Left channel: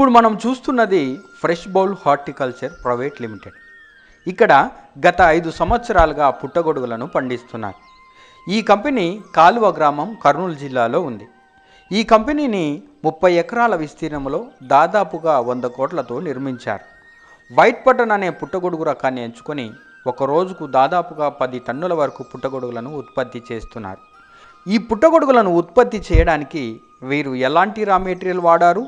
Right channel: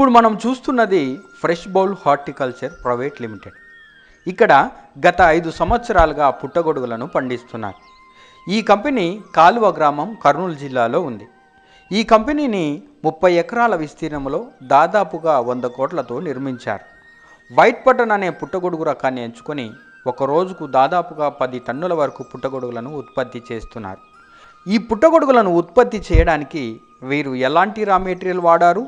ఇప్పుడు మనం చూస్తున్నది fresh bowl horticulture private limited. ఇక్కడ గత 5 సంవత్సరాలుగా పుట్టగొడుగులను పండిస్తున్నారు. ఈ కంపెనీ కాలువ గ్రామం కర్నూలు జిల్లాలో ఉంది. ఈ కంపెనీని 30 ఎకరాల విస్తీర్ణంలో దాదాపుగా 100 కోట్లతో నిర్మించారు. వైట్ బటన్ అనే పుట్టగొడుగు రకాన్ని ఎంచుకొని ఒక రోజుకు దాదాపుగా 10 టన్నుల వరకు పుట్టగొడుగులను ఉత్పత్తి చేస్తున్నారు. ఈ పుట్టగొడుగులను ఉత్పత్తి చేయడానికి వీరు ఎలాంటి రా మెటీరియల్ వాడారు,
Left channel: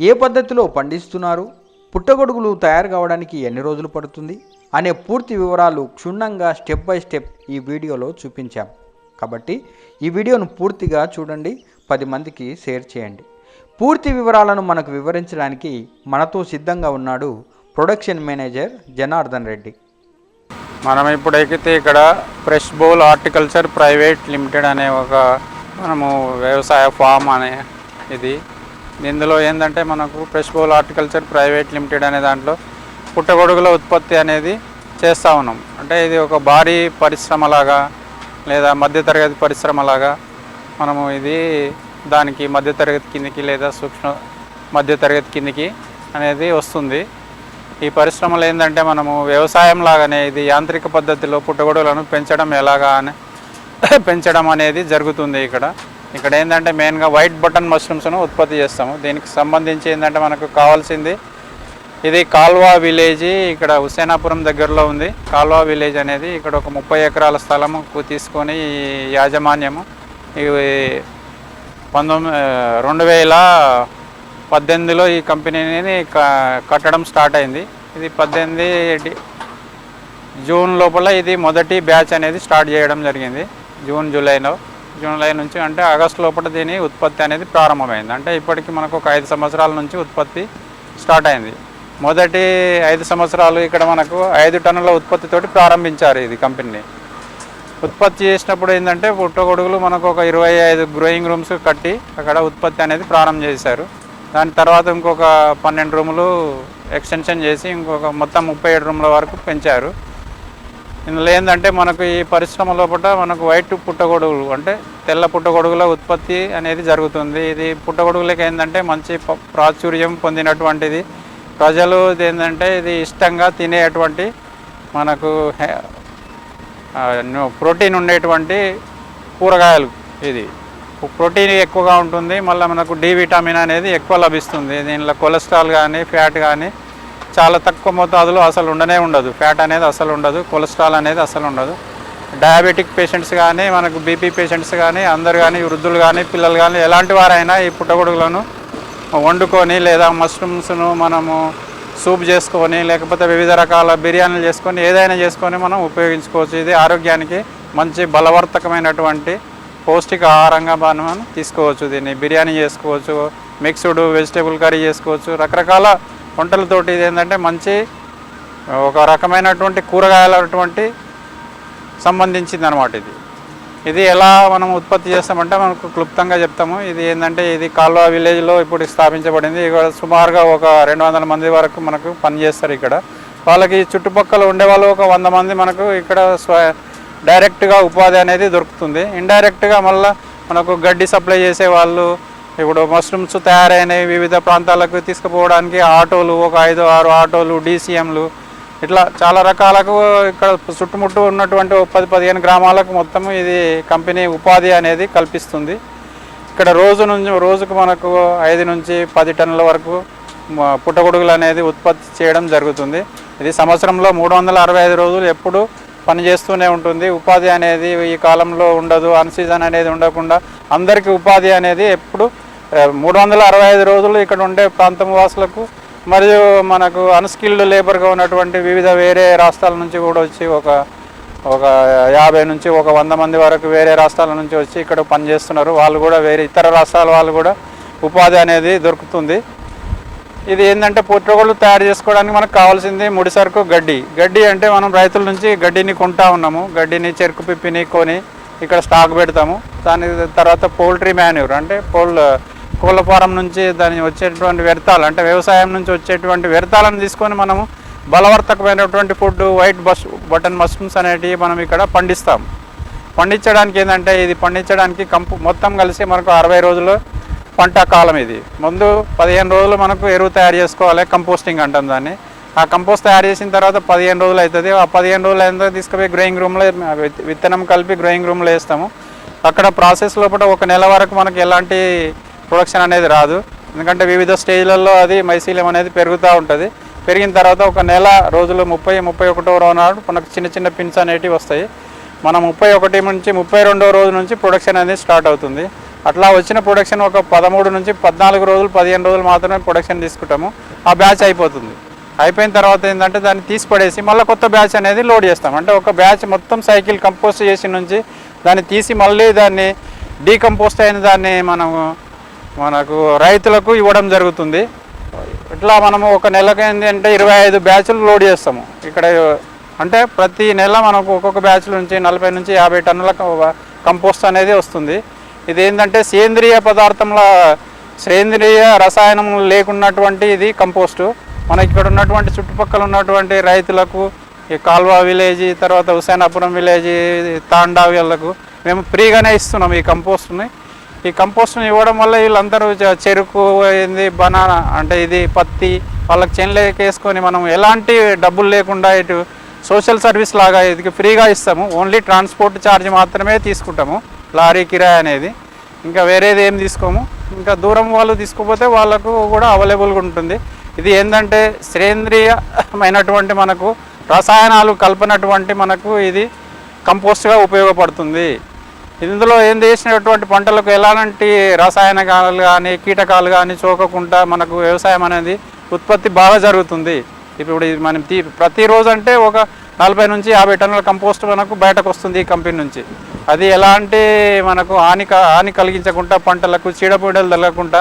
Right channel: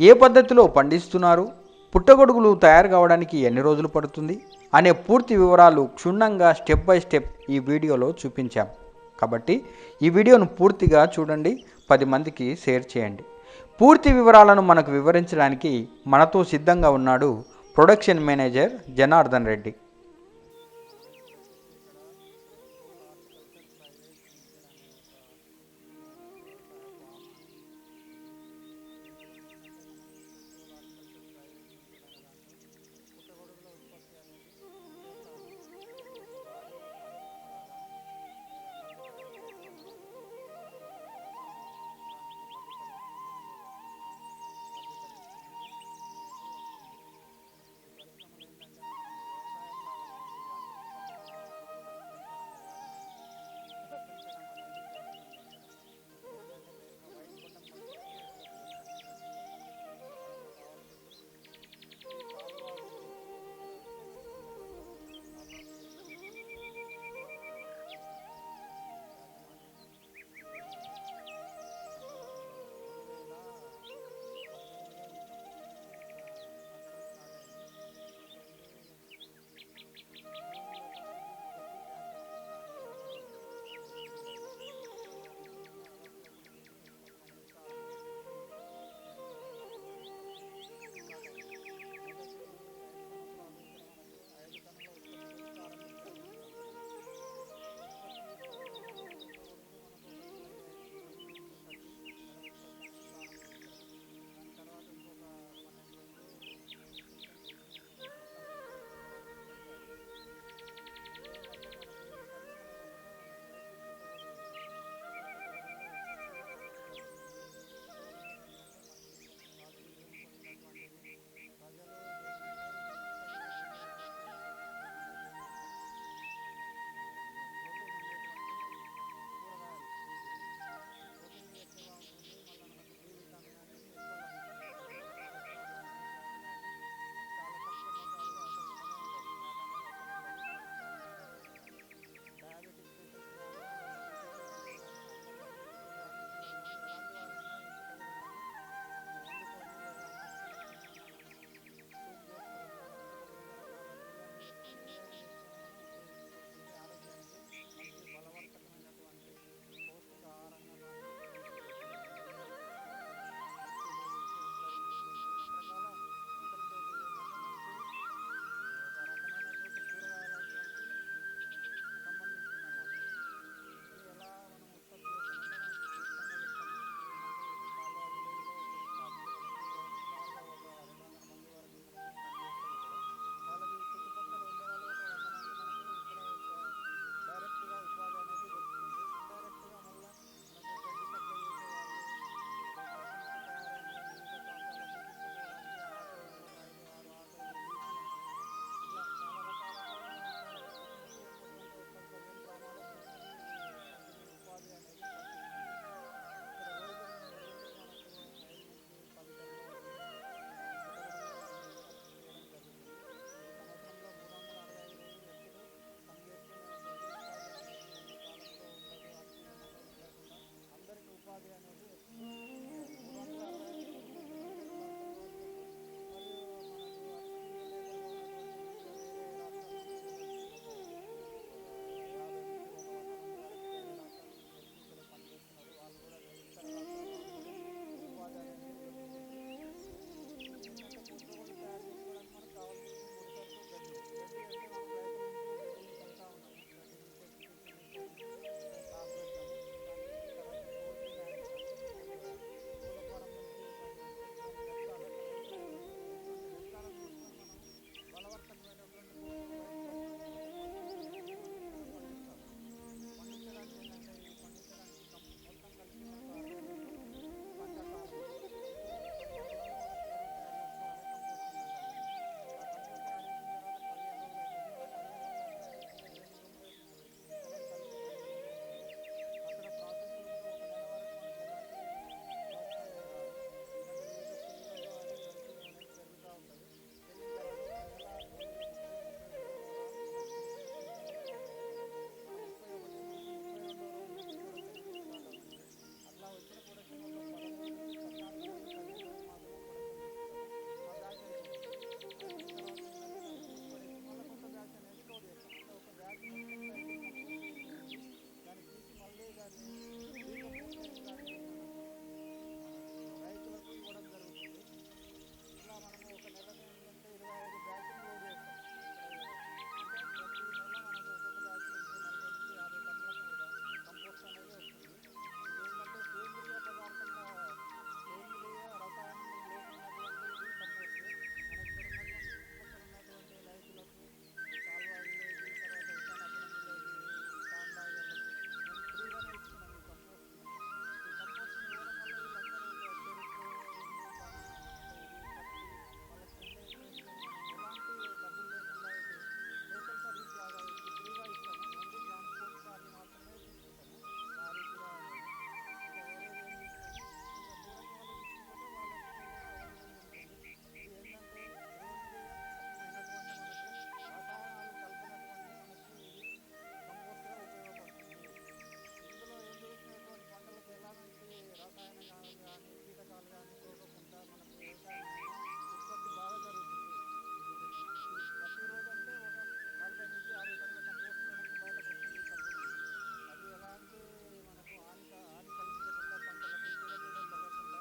ఏ పద్ధతిలో పండిస్తున్నారు, పుట్టగొడుగులు తయారు కావడానికి ఎన్ని రోజులు పడుతుంది అనే పూర్తి వివరాలు క్షుణ్ణంగా స్టెప్ బై స్టెప్ ఈ వీడియోలో చూపించాం. కాబట్టి ఈ వీడియోను పూర్తిగా చూడండి, 10 మందికి షేర్ చేయండి. పూర్తి వివరాలను మనకు వివరించడానికి మనతో సిద్ధంగా ఉన్నాడు ప్రొడక్షన్ మేనేజర్ జనార్దన్ రెడ్డి. మనం ఇప్పుడైతే ఇక్కడ fresh bowl horticulture private limited అనే ఒక మనము వ్యవసాయ ఫామ్ అనే ఇది. ఇందులో ఏంటంటే మనకు fresh bowl horticulture private limited అనే దాంట్లో పుట్టగొడుగుల ఉత్పత్తి అనేది చేస్తూ ఉన్నాం. అంటే ఇది ఒక భారీ పరిశ్రమలాగా లేదా మధ్యతరగతి పరిశ్రమలాగా మనము ఇది దానికి మధ్యతరగతి కిందికి లేదా సూక్ష్మ మధ్యతరగతి కిందికి అనేది వస్తుంది. ఈ పరిశ్రమలు ఏంటంటే మనము వ్యవసాయం లాగానే ఇది యాంత్రిక పద్ధతిలో పుట్టగొడుగులను పెంచడం అనేది జరుగుతుంది. ఇక్కడ ఏంటంటే మెయిన్గా వైట్ బటన్ మష్రూమ్స్ను ఉత్పత్తి చేస్తాము. దీనికి సంబంధించి ఏంటంటే మనకు కావాల్సింది ఇది కాల్వా విలేజ్, ఇక్కడ హుసేనాపురం దగ్గరలో ఉంది. కాల్వా విలేజ్ అనేది ఇక్కడ ఒక 30 ఎకరాల స్థలము తీసుకొని యాజమాన్యము 2018లో ఈ కంపెనీని కట్టడం స్టార్ట్ అయింది. ఇది 18 జూన్ లోపల ఇది మొదటి బ్యాచ్ అనేది స్టార్ట్ చేయడం జరిగింది. జూలై నుంచి అంటే ఆగస్టు లోపల దీని ఉత్పత్తి అనేది ప్రారంభమైంది. అంటే ఇప్పటికి మనకు ఒక 5 సంవత్సరాల నుంచి ఉత్పత్తి స్టార్ట్ అయింది. మొదటి 5 సంవత్సరాలు ఇక్కడ మనకు 5 టన్నుల ఉత్పత్తితోటి ప్రారంభించారు. ఇది కంపెనీ ఉత్పత్తి చేసినప్పుడు ఏంటంటే పుట్టగొడుగులు మనకు ఒక 25 గ్రోయింగ్ రూమ్స్ కట్టి అక్కడ ఉత్పత్తి అనేది ప్రారంభం చేశారు. దాని తర్వాత ఇంకొక 12 రూములు ఎక్స్టెన్షన్ చేసి ఇంకొక మొత్తం 37 రూముల వరకు పెంచారు. ఇందులో ఏంటంటే మనకు ఈ పరిశ్రమ లోపల మనకు వైట్ పుట్టగొడుగులు అంటే తెల్ల పుట్టగొడుగుల ఉత్పత్తి అనేది జరుగుతుంది. ఇది పుట్టగొడుగులకి ఏంటంటే మంచి ప్రాచుర్యం పొందినటువంటిది. ప్రజలు ఏంటంటే ఇది ఇష్టంగా తినేటువంటి మనకు ప్రోటీన్ ఉండేటువంటి కూరగాయలు. ఇది ప్రోటీన్ ఎక్కువగా ఉంటుంది, మళ్ళీ మనకు డి విటమిన్ అనేది ఎక్కువ లభిస్తుంది. దీనిలో కొలెస్ట్రాల్ కానీ ఫ్యాట్ కానీ చాలా తక్కువ మోతాదులో అసలు ఉండదు. ఫ్యాట్ అనేది అసలు ఉండదు, కొలెస్ట్రాల్ అనేది అసలు ఉండదు. డయాబెటిక్ పేషెంట్స్ కానీ మనకు బీపీ పేషెంట్స్ కానీ అందరు కానీ వృద్ధులు కానీ పిల్లలు కానీ ఎలాంటి వారైనా ఈ పుట్టగొడుగులను వండుకొని లేదా మష్రూమ్స్ను మనము సూప్ చేసుకొని లేకపోతే వివిధ రకాల బిర్యానీలు చేసుకొని ఏదైనా చేసుకొని మనం ఉపయోగించుకోవచ్చు. ఇది ఆరోగ్యానికి మంచి బలవర్ధకమైనటువంటి పౌష్టిక ఆహారంగా మనం తీసుకోవచ్చు. దీన్ని బిర్యానీ చేసుకోవచ్చు, మిక్స్డ్ వెజిటేబుల్ కర్రీ చేసుకోవచ్చు, రకరకాల వంటలతోటి. ఇది ఏంటంటే మంచి ఒక రకమైనటువంటి కూరగాయలటువంటి సంబంధించింది అనమాట. ఇది ఎలా మనం ఉత్పత్తి చేస్తామంటే మనకు క్లుప్తంగా చెప్తాము. ఇది ఏంటంటే ఇది కాల్వా విలేజ్లో ఇప్పుడు స్థాపించబడింది. ఇక్కడ సుమారుగా ఒక 200 మంది వరకు మనకు పనిచేస్తారు. ఇక్కడ వాళ్ళకి చుట్టుపక్కల ఉండేవాళ్ళు ఒక 100 మంది మనకు ఇక్కడ డైరెక్ట్గా ఉపాధి అనేది దొరుకుతుంది. ఇండైరెక్ట్గా మళ్ళీ మనకు గడ్డి సప్లై చేసే వాళ్ళు, ఇప్పుడు మష్రూమ్స్ తయారైనవి వివిధ ప్రాంతాలకు తీసుకుపోవడానికి ఆటోలు, ఒక 5-6 ఆటోలు, DCMలు, ఇట్లా చాలా రకాలకు ఇక్కడ చుట్టుముట్టు ఉన్నటువంటి 10-15 గ్రామాలకు మొత్తం ఇది కంపెనీ ఉపాధి అనేది కల్పిస్తుంది. ఇక్కడ రోజుకు మనకు 5 నుంచి 10 టన్నుల వరకు పుట్టగొడుగులు అనేది ఉత్పత్తి చేయడం జరుగుతుంది. ఇది సంవత్సరంలో 365 రోజులు ఎప్పుడు పనిచేస్తూనే ఉంటుంది. ఉపాధి అనేది ఈ కాలంలో ఉండదు, అన్సీజన్ అనేది ఉండకుండా అందరికీ ఉపాధి అనేది ఎప్పుడు 365 రోజులు ఇక్కడ ఉండే ప్రాంతం వాసులకు మరియు మనకు అన్స్కిల్డ్ లేబర్గా ఉన్నటువంటి వివిధ వేరే రాష్ట్రాల నుంచి కూడా వచ్చి ఒక 50 నుంచి 100 మంది వరకు వేరే రాష్ట్రాల నుంచి వచ్చి ఇక్కడ పనిచేస్తున్నారు. వాళ్ళు కూడా వేరే ఇతర రాష్ట్రాల వాళ్ళు కూడా ఉపాధి అనేది దొరుకుతుంది. ఇది ఏంటంటే పుట్టగొడుగులు తయారు చేసుకోవడానికి మనకు కావాల్సింది ముడి సరుకు గడ్డి అంటే మనం రైతుల నుంచి గడ్డిని కొంటా ఉన్నాము. గడ్డిని చెరుకు పిప్పిని కొని ఇక్కడ స్టాక్ పెడతాము. దాని తర్వాత పౌల్ట్రీ మాన్యూర్ అంటే కోళ్ళ ఫారం నుంచి దాని వచ్చేటువంటి వ్యర్థాలు అంటే వ్యవసాయం నుంచి వచ్చేటువంటి వ్యర్థాలను తీసుకొని మనము బలవర్ధకమైనటువంటి ఫుడ్ వైట్ బటన్ మష్రూమ్స్ అనేటివి మనం ఇక్కడ పండిస్తాము. పండించడానికి ఏంటంటే ఇది పండించడానికి మొత్తం కలిసి మనకు 60 రోజుల్లో పంట కాలం ఇది. ముందు 15 రోజులు మనకు ఎరువు తయారు చేసుకోవాలి, కంపోస్టింగ్ అంటాం దాన్ని. ఆ కంపోస్ట్ తయారు చేసిన తర్వాత 15 రోజులు అవుతుంది. ఆ 15 రోజులు అయిన తీసుకుపోయి గ్రోయింగ్ రూమ్లో విత్తనం కలిపి గ్రోయింగ్ రూమ్లో వేస్తాము. అక్కడ ప్రాసెస్ లోపల 1 నెల వరకు మనకి ఎలాంటి ప్రొడక్షన్ అనేది రాదు. ఎందుకంటే వివిధ స్టేజ్లలో అది మైసీలియం అనేది పెరుగుతూ ఉంటుంది. పెరిగిన తర్వాత 1 నెల రోజులు 30-31వ రోజు నాడు మనకు చిన్న చిన్న పిన్స్ అనేటివి వస్తాయి. మనం 31 నుంచి 32వ రోజు నుంచి ప్రొడక్షన్ అనేది స్టార్ట్ అవుతుంది. అట్లా వచ్చిన ప్రొడక్షన్ ఒక 13 నుంచి 14 రోజులు 15 రోజులు మాత్రమే ప్రొడక్షన్ తీసుకుంటాము. ఆ బ్యాచ్ అయిపోతుంది. అయిపోయిన తర్వాత ఏంటంటే దాన్ని తీసి పడేసి మళ్ళీ కొత్త బ్యాచ్ అనేది లోడ్ చేస్తాం. అంటే ఒక బ్యాచ్ మొత్తం సైకిల్ కంపోస్ట్ చేసి నుంచి దాన్ని తీసి మళ్ళీ దాన్ని డీకంపోస్ట్ అయిన దాన్ని మనకు రైతులకు ఇవ్వడం జరుగుతుంది. ఇట్లా మనము 1 నెలకు ఏంటంటే 25 బ్యాచ్లు లోడ్ చేస్తాము ఇక్కడ. అంటే ప్రతి నెల మనకు ఒక్కొక్క బ్యాచ్ నుంచి 40 నుంచి 50 టన్నుల కంపోస్ట్ అనేది వస్తుంది. ఇది ఏంటంటే సేంద్రియ పదార్థంలో సేంద్రియ రసాయనం లేకున్నటువంటి ఇది కంపోస్టు. మన ఇక్కడ ఉన్నటువంటి చుట్టుపక్కల ఉన్నటువంటి రైతులకు, ఈ కాల్వా విలేజ్, తర్వాత హుసేనాపురం విలేజ్, తాండా వీళ్ళకు మేము ఫ్రీగానే ఇస్తున్నాం ఈ కంపోస్ట్ని. ఈ కంపోస్ట్ని ఇవ్వడం వల్ల వీళ్ళందరూ చెరుకు ఏంది, బనానా అంటే ఇది పత్తి వాళ్ళకి చేనులోకి వేసుకొని మనం ఎలాంటి డబ్బులు లేకుండా ఇటు సోషల్ సర్వీస్ లాగా ఇది ఫ్రీగా ఇస్తాము. ఓన్లీ ట్రాన్స్పోర్ట్ ఛార్జ్ మాత్రమే తీసుకుంటాము, లారీ కిరాయి అనేది. ఇంకా వేరేది ఏం తీసుకోము. ఇంకా దూరం వాళ్ళు తీసుకుపోతే వాళ్ళకు కూడా అవైలబుల్గా ఉంటుంది. ఇది ఏంటంటే సేంద్రియమైనటువంటి మనకు రసాయనాలు కలపనటువంటి మనకు ఇది కంపోస్ట్గా ఉపయోగపడుతుంది. ఇందులో ఏం చేసినటువంటి పంటలకు ఎలాంటి రసాయనాలు కానీ కీటకాలు కానీ సోకకుండా మనకు వ్యవసాయం అనేది ఉత్పత్తి బాగా జరుగుతుంది. ఇప్పుడు ఇది మనం ప్రతిరోజు అంటే ఒక 40 నుంచి 50 టన్నుల కంపోస్ట్ మనకు బయటకు వస్తుంది ఈ కంపెనీ నుంచి. అది ఎలాంటి మనకు హాని కలిగించకుండా, పంటలకు చీడపీడలు తగలకుండా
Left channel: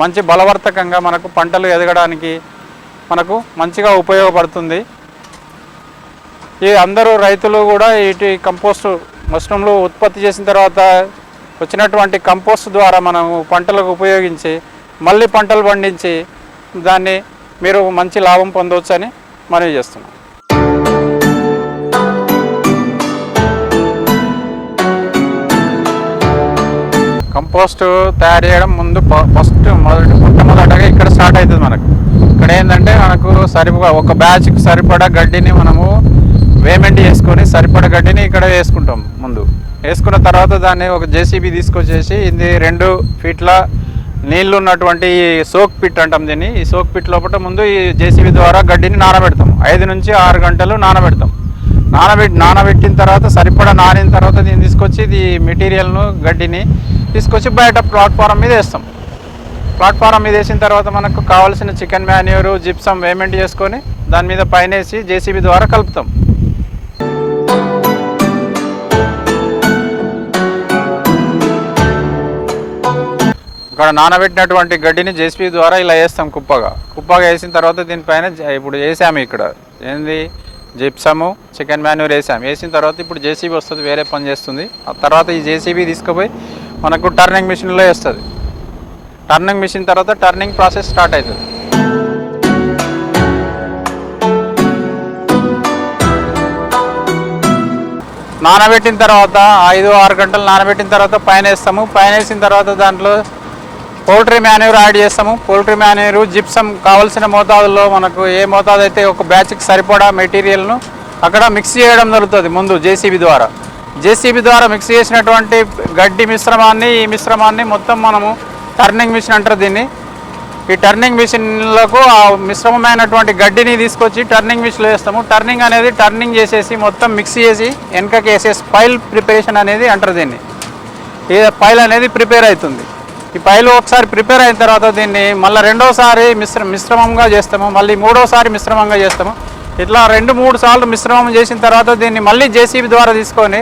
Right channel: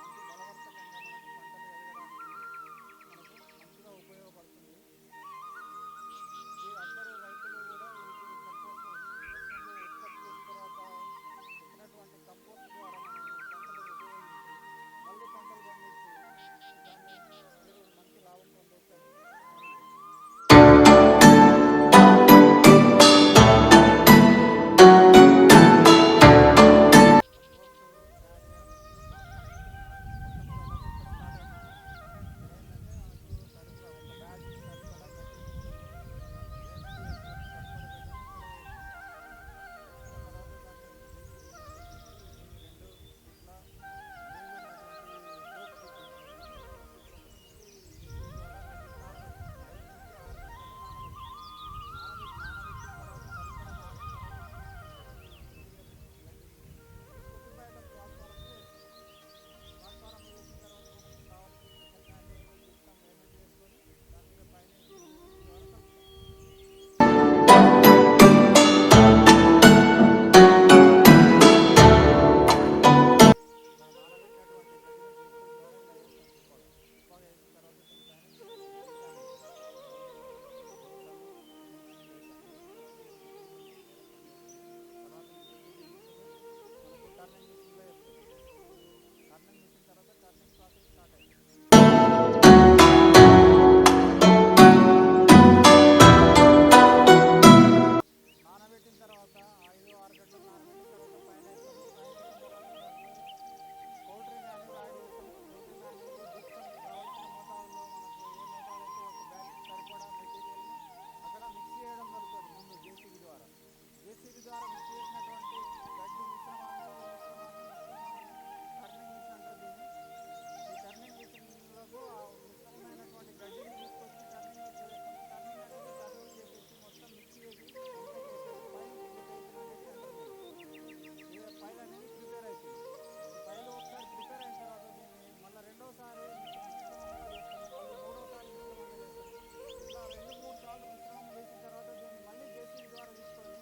మంచి బలవర్ధకంగా మనకు పంటలు ఎదగడానికి మనకు మంచిగా ఉపయోగపడుతుంది. ఈ అందరూ రైతులు కూడా ఇటు కంపోస్ట్ మష్రూమ్లు ఉత్పత్తి చేసిన తర్వాత వచ్చినటువంటి కంపోస్ట్ ద్వారా మనము పంటలకు ఉపయోగించి మళ్ళీ పంటలు పండించి దాన్ని మీరు మంచి లాభం పొందవచ్చు అని మనవి చేస్తున్నాం. కంపోస్ట్ తయారు చేయడం ముందు మొట్టమొదటగా ఇక్కడ స్టార్ట్ అవుతుంది. ఇక్కడ ఏంటంటే మనకు ఒక బ్యాచ్కి సరిపడా గడ్డిని మనము వేమెంట్ చేసుకొని సరిపడా గడ్డిని ఇక్కడ వేసుకుంటాం. ముందు వేసుకున్న తర్వాత దాన్ని ఒక జేసీబీ తీసుకొచ్చేసి ఇది 2 ఫీట్ల నీళ్లు ఉన్నటువంటి ఈ సోక్ పిట్ అంటాం దీన్ని. ఈ సోక్ పిట్ లోపల ముందు ఈ జేసీబీ ద్వారా గడ్డిని నానబెడతాం. 5 నుంచి 6 గంటలు నానబెడతాం. నానబెట్టిన తర్వాత సరిపడా నానిన తర్వాత దీన్ని తీసుకొచ్చి ఇది మెటీరియల్ను గడ్డిని తీసుకొచ్చి బయట ప్లాట్ఫారం మీద వేస్తాం. ప్లాట్ఫారం మీద వేసిన తర్వాత మనకు కావాల్సిన చికెన్ మాన్యూరు, జిప్సం వేమెంట్ చేసుకొని దాని మీద పైన వేసి జేసీబీ ద్వారా కలుపుతాం. ఇక్కడ నానబెట్టినటువంటి గడ్డిని జేసీబీ ద్వారా ఇలా వేస్తాం కుప్పగా వేసిన తర్వాత దీనిపైన ఇప్పుడు వేసాము ఇక్కడ ఏంది జిప్సము, చికెన్ మాన్యూర్ వేసిన తర్వాత ఇప్పుడు జేసీబీ వస్తుంది, వేరే పని చేస్తుంది. ఆ తర్వాత ఈ జేసీబీ తీసుకుపోయి మనకు టర్నింగ్ మిషన్లో వేస్తుంది. టర్నింగ్ మిషన్ తర్వాత టర్నింగ్ ప్రాసెస్ స్టార్ట్ అవుతుంది. నానబెట్టిన తర్వాత 5-6 గంటలు నానబెట్టిన తర్వాత పైన వేస్తాము. పైన వేసిన తర్వాత దాంట్లో పౌల్ట్రీ మాన్యూర్ యాడ్ చేస్తాము. పౌల్ట్రీ మాన్యూరు, జిప్సం కావాల్సిన మోతాదులో మనకు ఏ మోతాదు అయితే ఒక బ్యాచ్కి సరిపడా మెటీరియల్ను అక్కడ మిక్స్ చేయడం జరుగుతుంది. ముందు జేసీబీ ద్వారా మిక్స్ చేసినటువంటి గడ్డి ఈ మిశ్రమాన్ని మొత్తం మనము టర్నింగ్ మిషన్ అంటారు దీన్ని. ఈ టర్నింగ్ మిషన్లకు ఆ మిశ్రమమైనటువంటి గడ్డిని తీసుకొచ్చి టర్నింగ్ మిషన్లో వేస్తాము. టర్నింగ్ చేసేసి మొత్తం మిక్స్ చేసి వెనకకి వేసేసి పైల్ ప్రిపరేషన్ అనేది అంటారు దీన్ని. ఈ పైల్ అనేది ప్రిపేర్ అవుతుంది. ఈ పైలు ఒకసారి ప్రిపేర్ అయిన తర్వాత దీన్ని మళ్ళీ రెండోసారి మిశ్రమంగా చేస్తాము, మళ్ళీ మూడోసారి మిశ్రమంగా చేస్తాము. ఇట్లా 2-3 సార్లు మిశ్రమం చేసిన తర్వాత దీన్ని మళ్ళీ జేసీబీ ద్వారా తీసుకొని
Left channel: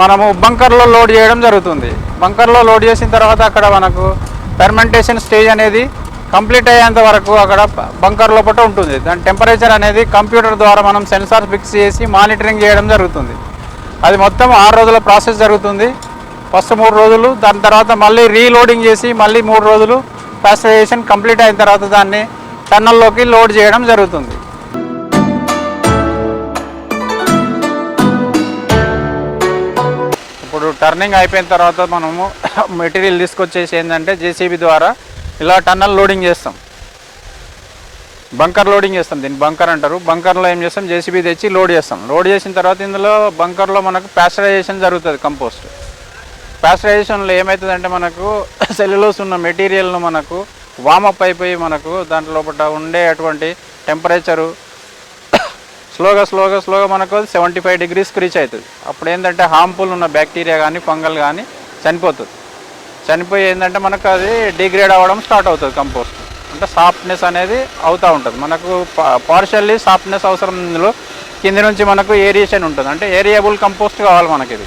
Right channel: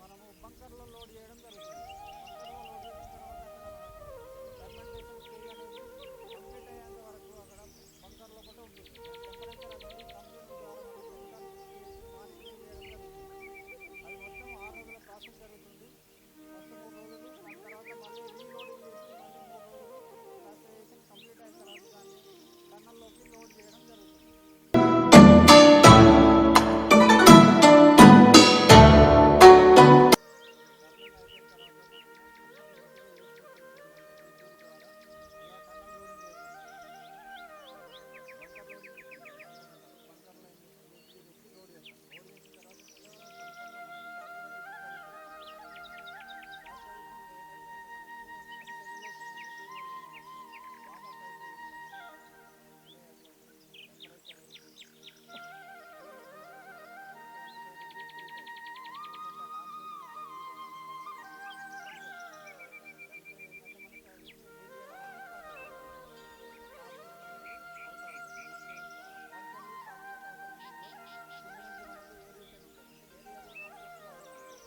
మనము బంకర్లో లోడ్ చేయడం జరుగుతుంది. బంకర్లో లోడ్ చేసిన తర్వాత అక్కడ మనకు ఫెర్మెంటేషన్ స్టేజ్ అనేది కంప్లీట్ అయ్యేంత వరకు అక్కడ బంకర్ లోపల ఉంటుంది. దాని టెంపరేచర్ అనేది కంప్యూటర్ ద్వారా మనం సెన్సార్ ఫిక్స్ చేసి మానిటరింగ్ చేయడం జరుగుతుంది. అది మొత్తం 6 రోజుల ప్రాసెస్ జరుగుతుంది. ఫస్ట్ 3 రోజులు, దాని తర్వాత మళ్ళీ రీలోడింగ్ చేసి మళ్ళీ 3 రోజులు పాస్టరైజేషన్ కంప్లీట్ అయిన తర్వాత దాన్ని టన్నల్లోకి లోడ్ చేయడం జరుగుతుంది. ఇప్పుడు టర్నింగ్ అయిపోయిన తర్వాత మనము మెటీరియల్ తీసుకొచ్చేసి ఏంటంటే జేసీబీ ద్వారా ఇలా టన్నల్ లోడింగ్ చేస్తాం, బంకర్ లోడింగ్ చేస్తాం. దీన్ని బంకర్ అంటారు. బంకర్లో ఏం చేస్తాం, జేసీబీ తెచ్చి లోడ్ చేస్తాం. లోడ్ చేసిన తర్వాత ఇందులో బంకర్లో మనకు ప్యాస్చరైజేషన్ జరుగుతుంది. కంపోస్ట్ ప్యాస్చరైజేషన్లో ఏమవుతుందంటే మనకు సెల్యులోస్ ఉన్న మెటీరియల్ను మనకు వామప్ అయిపోయి మనకు దాంట్లో లోపల ఉండేటువంటి టెంపరేచరు స్లోగా మనకు 75 degreesకి రీచ్ అవుతుంది. అప్పుడు ఏంటంటే హార్మ్ఫుల్ ఉన్న బ్యాక్టీరియా కానీ ఫంగల్ కానీ చనిపోతుంది. చనిపోయి ఏంటంటే మనకు అది డిగ్రేడ్ అవ్వడం స్టార్ట్ అవుతుంది. కంపోస్ట్ అంటే సాఫ్ట్నెస్ అనేది అవుతూ ఉంటుంది. మనకు పార్షియల్లీ సాఫ్ట్నెస్ అవసరం. ఇందులో కింది నుంచి మనకు ఏరియేషన్ ఉంటుంది. అంటే ఏరియేబుల్ కంపోస్ట్ కావాలి మనకి. ఇది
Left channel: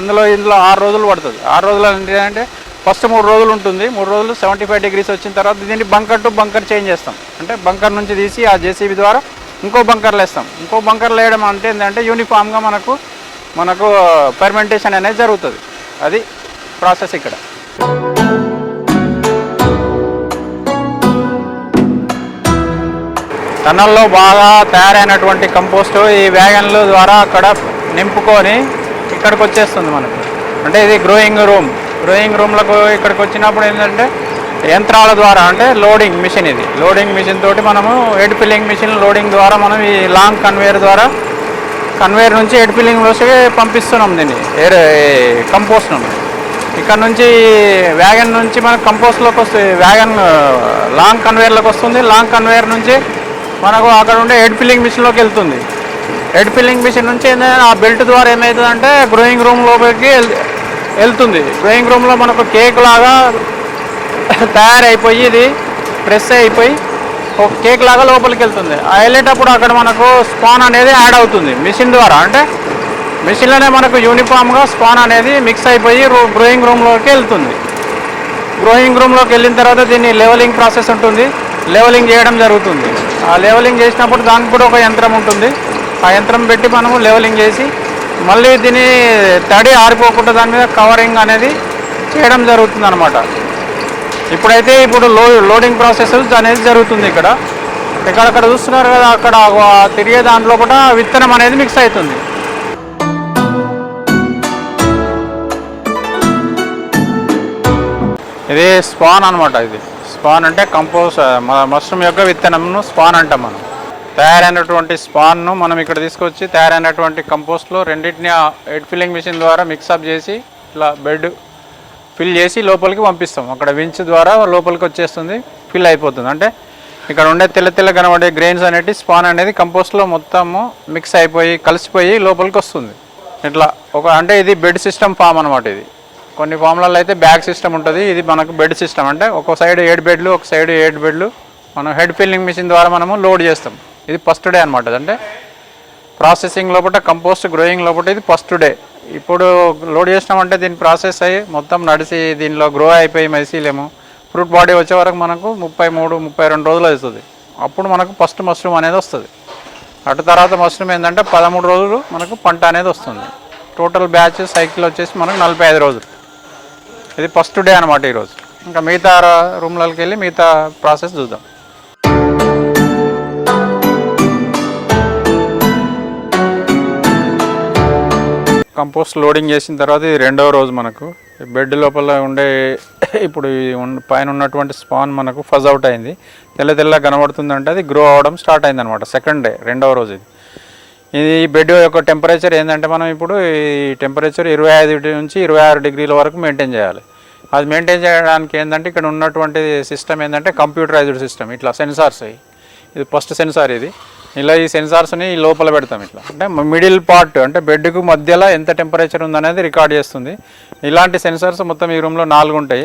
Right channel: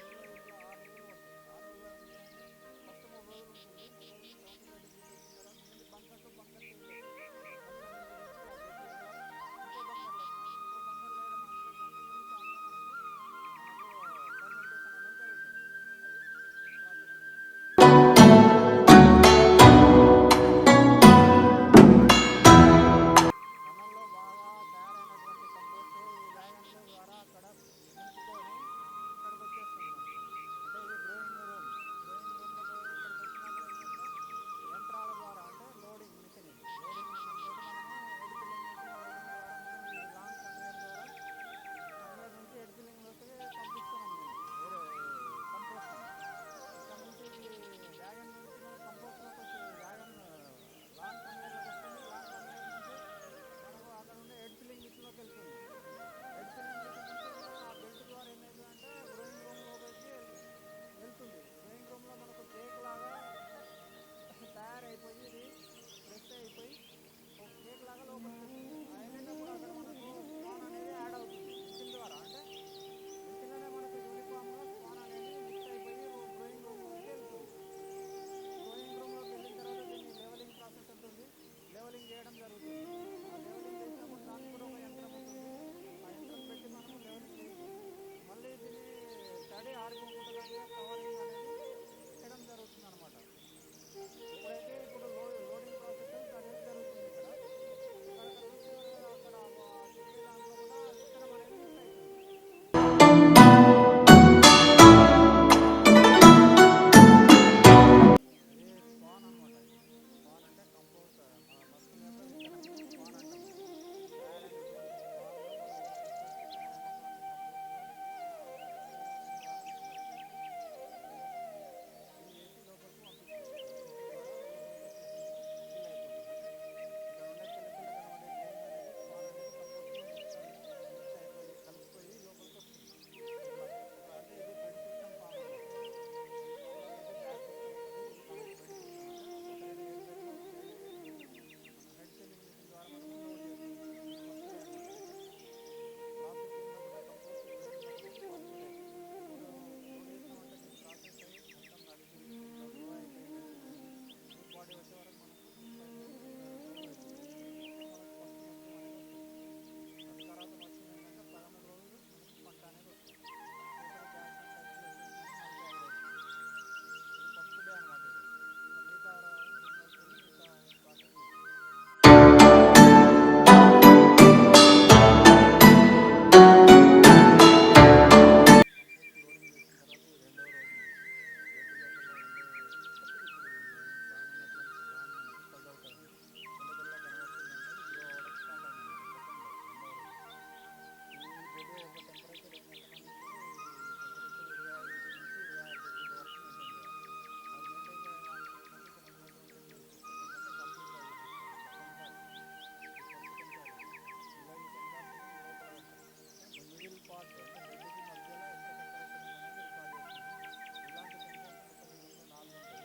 ఇందులో 6 రోజులు పడుతుంది. 6 రోజులు ఏంటంటే ఫస్ట్ 3 రోజులు ఉంటుంది. 3 రోజులు 75 degrees వచ్చిన తర్వాత దీన్ని బంకర్ టు బంకర్ చేంజ్ చేస్తాం. అంటే బంకర్ నుంచి తీసి ఆ జేసీబీ ద్వారా ఇంకో బంకర్లు వేస్తాం. ఇంకో బంకర్లు వేయడం అంటే ఏంటంటే యూనిఫామ్గా మనకు ఫెర్మెంటేషన్ అనేది జరుగుతుంది. అది ప్రాసెస్ ఇక్కడ. టన్నల్లో బాగా తయారైనటువంటి కంపోస్ట్ ఈ వ్యాగన్ల ద్వారా అక్కడ నింపుకొని ఇక్కడికి వచ్చేస్తుంది మనకు. అంటే ఇది గ్రోయింగ్ రూమ్లకు ఇక్కడికి వచ్చినప్పుడు ఏంటంటే యంత్రాల ద్వారా అంటే లోడింగ్ మిషన్, ఇది లోడింగ్ మిషన్ తోటి మనము హెడ్ ఫిల్లింగ్ మిషన్ లోడింగ్ ద్వారా మనం ఈ లాంగ్ కన్వేయర్ నుంచి హెడ్ ఫిల్లింగ్ వచ్చి పంపిస్తున్నాం దీన్ని కంపోస్ట్ను. ఇక్కడ నుంచి వ్యాగన్ నుంచి మనకు కంపోస్ట్లోకి వస్తుంది. వ్యాగన్ లాంగ్ కన్వేయర్లోకి వస్తుంది. లాంగ్ కన్వేయర్ నుంచి మనకు అక్కడ ఉండే హెడ్ ఫిల్లింగ్ మిషన్లోకి వెళ్తుంది. హెడ్ ఫిల్లింగ్ మిషన్ నుంచి ఏంటంటే ఆ బెల్ట్ ద్వారా ఏమవుతుందంటే గ్రోయింగ్ రూమ్ లోపలికి వెళ్తుంది. గ్రోయింగ్ రూమ్లో మనకు కేక్ లాగా తయారైపోయి ఇది ప్రెస్ అయిపోయి ఒక కేక్ లాగా లోపలికి వెళ్తుంది. ఆ వెళ్ళేటప్పుడు అక్కడ మనకు స్పాన్ అనేది యాడ్ అవుతుంది మిషన్ ద్వారా. అంటే మిషన్లోనే మనకు యూనిఫామ్గా స్పాన్ అనేది మిక్స్ అయిపోయి గ్రోయింగ్ రూమ్లోకి వెళ్తుంది. గ్రోయింగ్ రూమ్లోకి వెళ్ళిన తర్వాత దీన్ని లెవెలింగ్ ప్రాసెస్ ఉంటుంది. లెవెలింగ్ చేయడం జరుగుతుంది. ఆ లెవెలింగ్ చేసినప్పుడు దానికి కూడా ఒక యంత్రం ఉంటుంది. ఆ యంత్రం పెట్టి మనము లెవెలింగ్ చేసి మళ్ళీ దీన్ని తడి ఆరిపోకుండా దాని మీద కవరింగ్ అనేది చేయడం జరుగుతుంది అన్నమాట. ఇప్పుడు లోడింగ్ ప్రాసెస్ అనేది జరుగుతుంది. ఇక్కడ చూస్తున్నారు కదా, అక్కడ తిరిగే దాంట్లో కూడా విత్తనం అనేది మిక్స్ అవుతుంది. ఇది స్పాన్ అనమాట. ఇది స్పాన్ అంటే మష్రూమ్ యొక్క విత్తనంను స్పాన్ అంటాం మనం. తయారైనటువంటి స్పాన్ను మనం ఇక్కడ తీసుకొచ్చి తయారైనటువంటి కంపోస్ట్లో రెండింటిని హెడ్ ఫిల్లింగ్ మిషన్ ద్వారా మిక్సప్ చేసి ఇట్లా బెడ్ ఫిల్ చేసి లోపలికి పంపిస్తాం. అక్కడ వించ్ ద్వారా లోపలికి వచ్చేస్తుంది, ఫిల్ అయిపోతుంది. అంటే ఇక్కడ ఉండే తెల్ల కనబడే గ్రెయిన్స్ అనేవి స్పాన్ అనేది కంపోస్ట్లో మొత్తము మిక్స్ అయిపోయి కలిసిపోయి లోపలికి వస్తుంది. ఇట్లా అంటే ఇది బెడ్ సిస్టమ్ ఫామ్ అనమాట. ఇది కొన్ని ఫామ్లలో అయితే బ్యాగ్ సిస్టమ్ ఉంటుంది. ఇది మనకు బెడ్ సిస్టమ్. అంటే ఒక సైడ్ 7 బెడ్లు, ఒక సైడ్ 7 బెడ్లు మనం హెడ్ ఫిల్లింగ్ మిషన్ ద్వారా మనము లోడ్ చేస్తాం. ఇది ఫస్ట్ డే అనమాట. అంటే ప్రాసెసింగ్ లోపల కంపోస్ట్ గ్రోయింగ్ లోపల ఇది ఫస్ట్ డే. ఇప్పుడు లోడ్ చేసినామంటే దీన్ని ప్రాసెస్ అయ్యి మొత్తం నడిచి దీనిలో గ్రో అయిపోయి మైసీలేము ఫ్రూట్ బాడీ వచ్చే వరకు మనకు 33-32 రోజులు అవుతుంది. అప్పుడు మనకు ఫస్ట్ మష్రూమ్ అనేది వస్తుంది. అటు తర్వాత మష్రూమ్ ఏంటంటే 13 రోజులు మనకు పంట అనేది వస్తుంది. టోటల్ బ్యాచ్ సైకిల్ వచ్చేసి మనకు 45 రోజులు. ఇది ఫస్ట్ డే అనమాట ఈరోజు. ఇంకా మిగతా రూమ్లకి వెళ్ళి మిగతా ప్రాసెస్ చూద్దాం. కంపోస్ట్ లోడింగ్ చేసిన తర్వాత ఇది 2వ రోజు. మనకు బెడ్ లోపల ఉండే ఇప్పుడు పైన ఉన్నటువంటి స్పాన్ మనకు ఫజ్ అవుట్ అయింది, తెల్ల కనబడుతుందంటే అది గ్రో అవ్వడం స్టార్ట్ అయింది అనమాట. సెకండ్ డే 2వ రోజు. ఇది బెడ్ యొక్క టెంపరేచర్ ఏంటంటే మనం ఇప్పుడు ఈ టెంపరేచర్ 25 నుంచి 26 డిగ్రీల వరకు మెయింటైన్ చేయాలి. అది మెయింటైన్ చేయడానికి ఏంటంటే ఇక్కడ ఉన్నటువంటి సిస్టమ్ ఏంటంటే కంప్యూటరైజ్డ్ సిస్టమ్. ఇట్లా సెన్సార్స్, ఇది ఫస్ట్ సెన్సార్. ఇది ఇలా ఈ సెన్సార్స్ని లోపల పెడతాం. ఇట్లా అంటే మిడిల్ పార్ట్ అంటే బెడ్కు మధ్యలో ఎంత టెంపరేచర్ ఉందనేది రికార్డ్ చేస్తుంది. ఇలాంటి సెన్సార్స్ మొత్తం ఈ రూమ్లో 4 ఉంటాయి.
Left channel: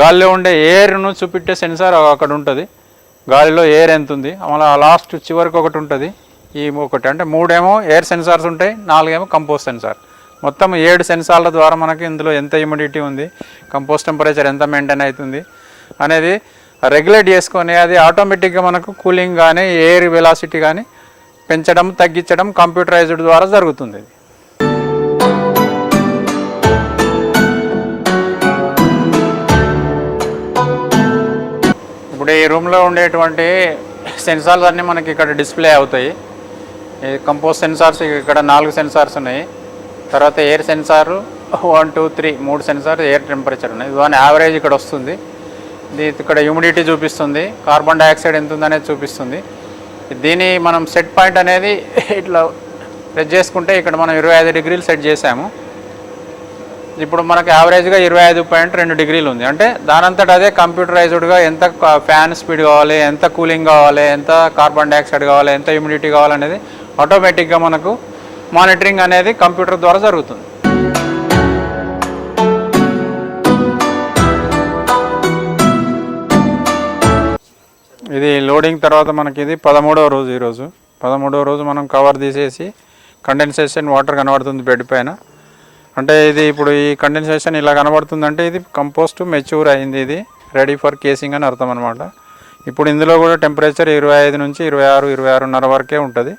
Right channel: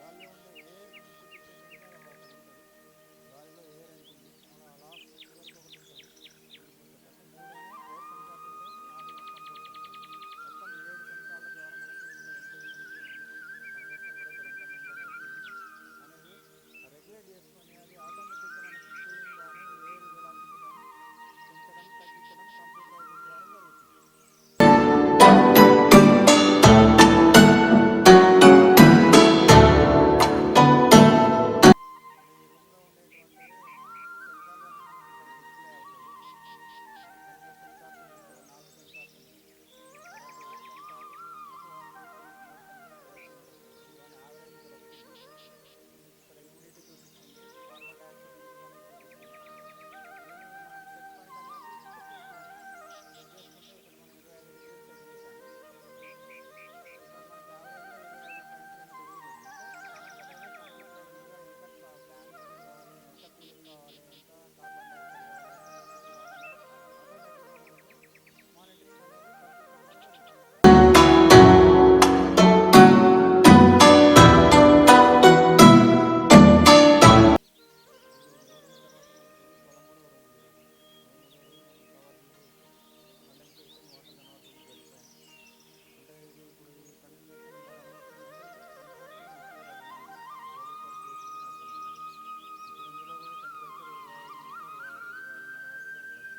గాలిలో ఉండే ఎయిర్ను చూపెట్టే సెన్సార్ అక్కడ ఉంటుంది. గాలిలో ఎయిర్ ఎంత ఉంది, మళ్ళీ లాస్ట్ చివరికి ఒకటి ఉంటుంది. ఈ ఒకటి అంటే 3 ఏమో ఎయిర్ సెన్సార్స్ ఉంటాయి, 4 ఏమో కంపోస్ట్ సెన్సార్. మొత్తం 7 సెన్సార్ల ద్వారా మనకి ఇందులో ఎంత హ్యూమిడిటీ ఉంది, కంపోస్ట్ టెంపరేచర్ ఎంత మెయింటైన్ అవుతుంది అనేది రెగ్యులేట్ చేసుకొని అది ఆటోమేటిక్గా మనకు కూలింగ్ కానీ ఎయిర్ వెలాసిటీ కానీ పెంచడం తగ్గించడం కంప్యూటరైజ్డ్ ద్వారా జరుగుతుంది. ఇప్పుడు ఈ రూమ్లో ఉండేటువంటి సెన్సార్స్ అన్నీ మనకి ఇక్కడ డిస్ప్లే అవుతాయి. ఈ కంపోస్ట్ సెన్సార్స్ ఇక్కడ 4 సెన్సార్స్ ఉన్నాయి. తర్వాత air sensor, 1 2 3 3 sensor air temperature ఉన్నాయి. దాని యావరేజ్ ఇక్కడ వస్తుంది. ఇది ఇక్కడ హ్యూమిడిటీ చూపిస్తుంది, కార్బన్ డైఆక్సైడ్ ఎంత ఉందనేది చూపిస్తుంది. దీని మనం సెట్ పాయింట్ అనేది ఇట్లా ప్రెస్ చేసుకుంటే ఇక్కడ మనం 25 డిగ్రీలు సెట్ చేసాము. ఇప్పుడు మనకు యావరేజ్గా 25.2 డిగ్రీలు ఉంది. అంటే దానంతట అదే కంప్యూటరైజ్డ్గా ఎంత ఫ్యాన్ స్పీడ్ కావాలి, ఎంత కూలింగ్ కావాలి, ఎంత కార్బన్ డైఆక్సైడ్ కావాలి, ఎంత హ్యూమిడిటీ కావాలనేది ఆటోమేటిక్గా మనకు మానిటరింగ్ అనేది కంప్యూటర్ ద్వారా జరుగుతుంది. ఇది లోడింగ్ తర్వాత మనకి ఇది 13వ రోజు. ఈరోజు 13వ రోజు మనం కవర్ తీసేసి కండెన్సేషన్ వాటర్ కనబడుతుంది బెడ్ పైన. అంటే ఇది ఇప్పుడు ఈ కండెన్సేషన్ ఇలా కనబడుతుందంటే ఇది కంపోస్ట్ మెచ్యూర్ అయింది, ఇది రెడీ ఫర్ కేసింగ్ అని అర్థం అనమాట. ఇప్పుడు ఇందులో కూడా టెంపరేచర్ 25 నుంచి 26, 26.5 వరకే ఉంటుంది.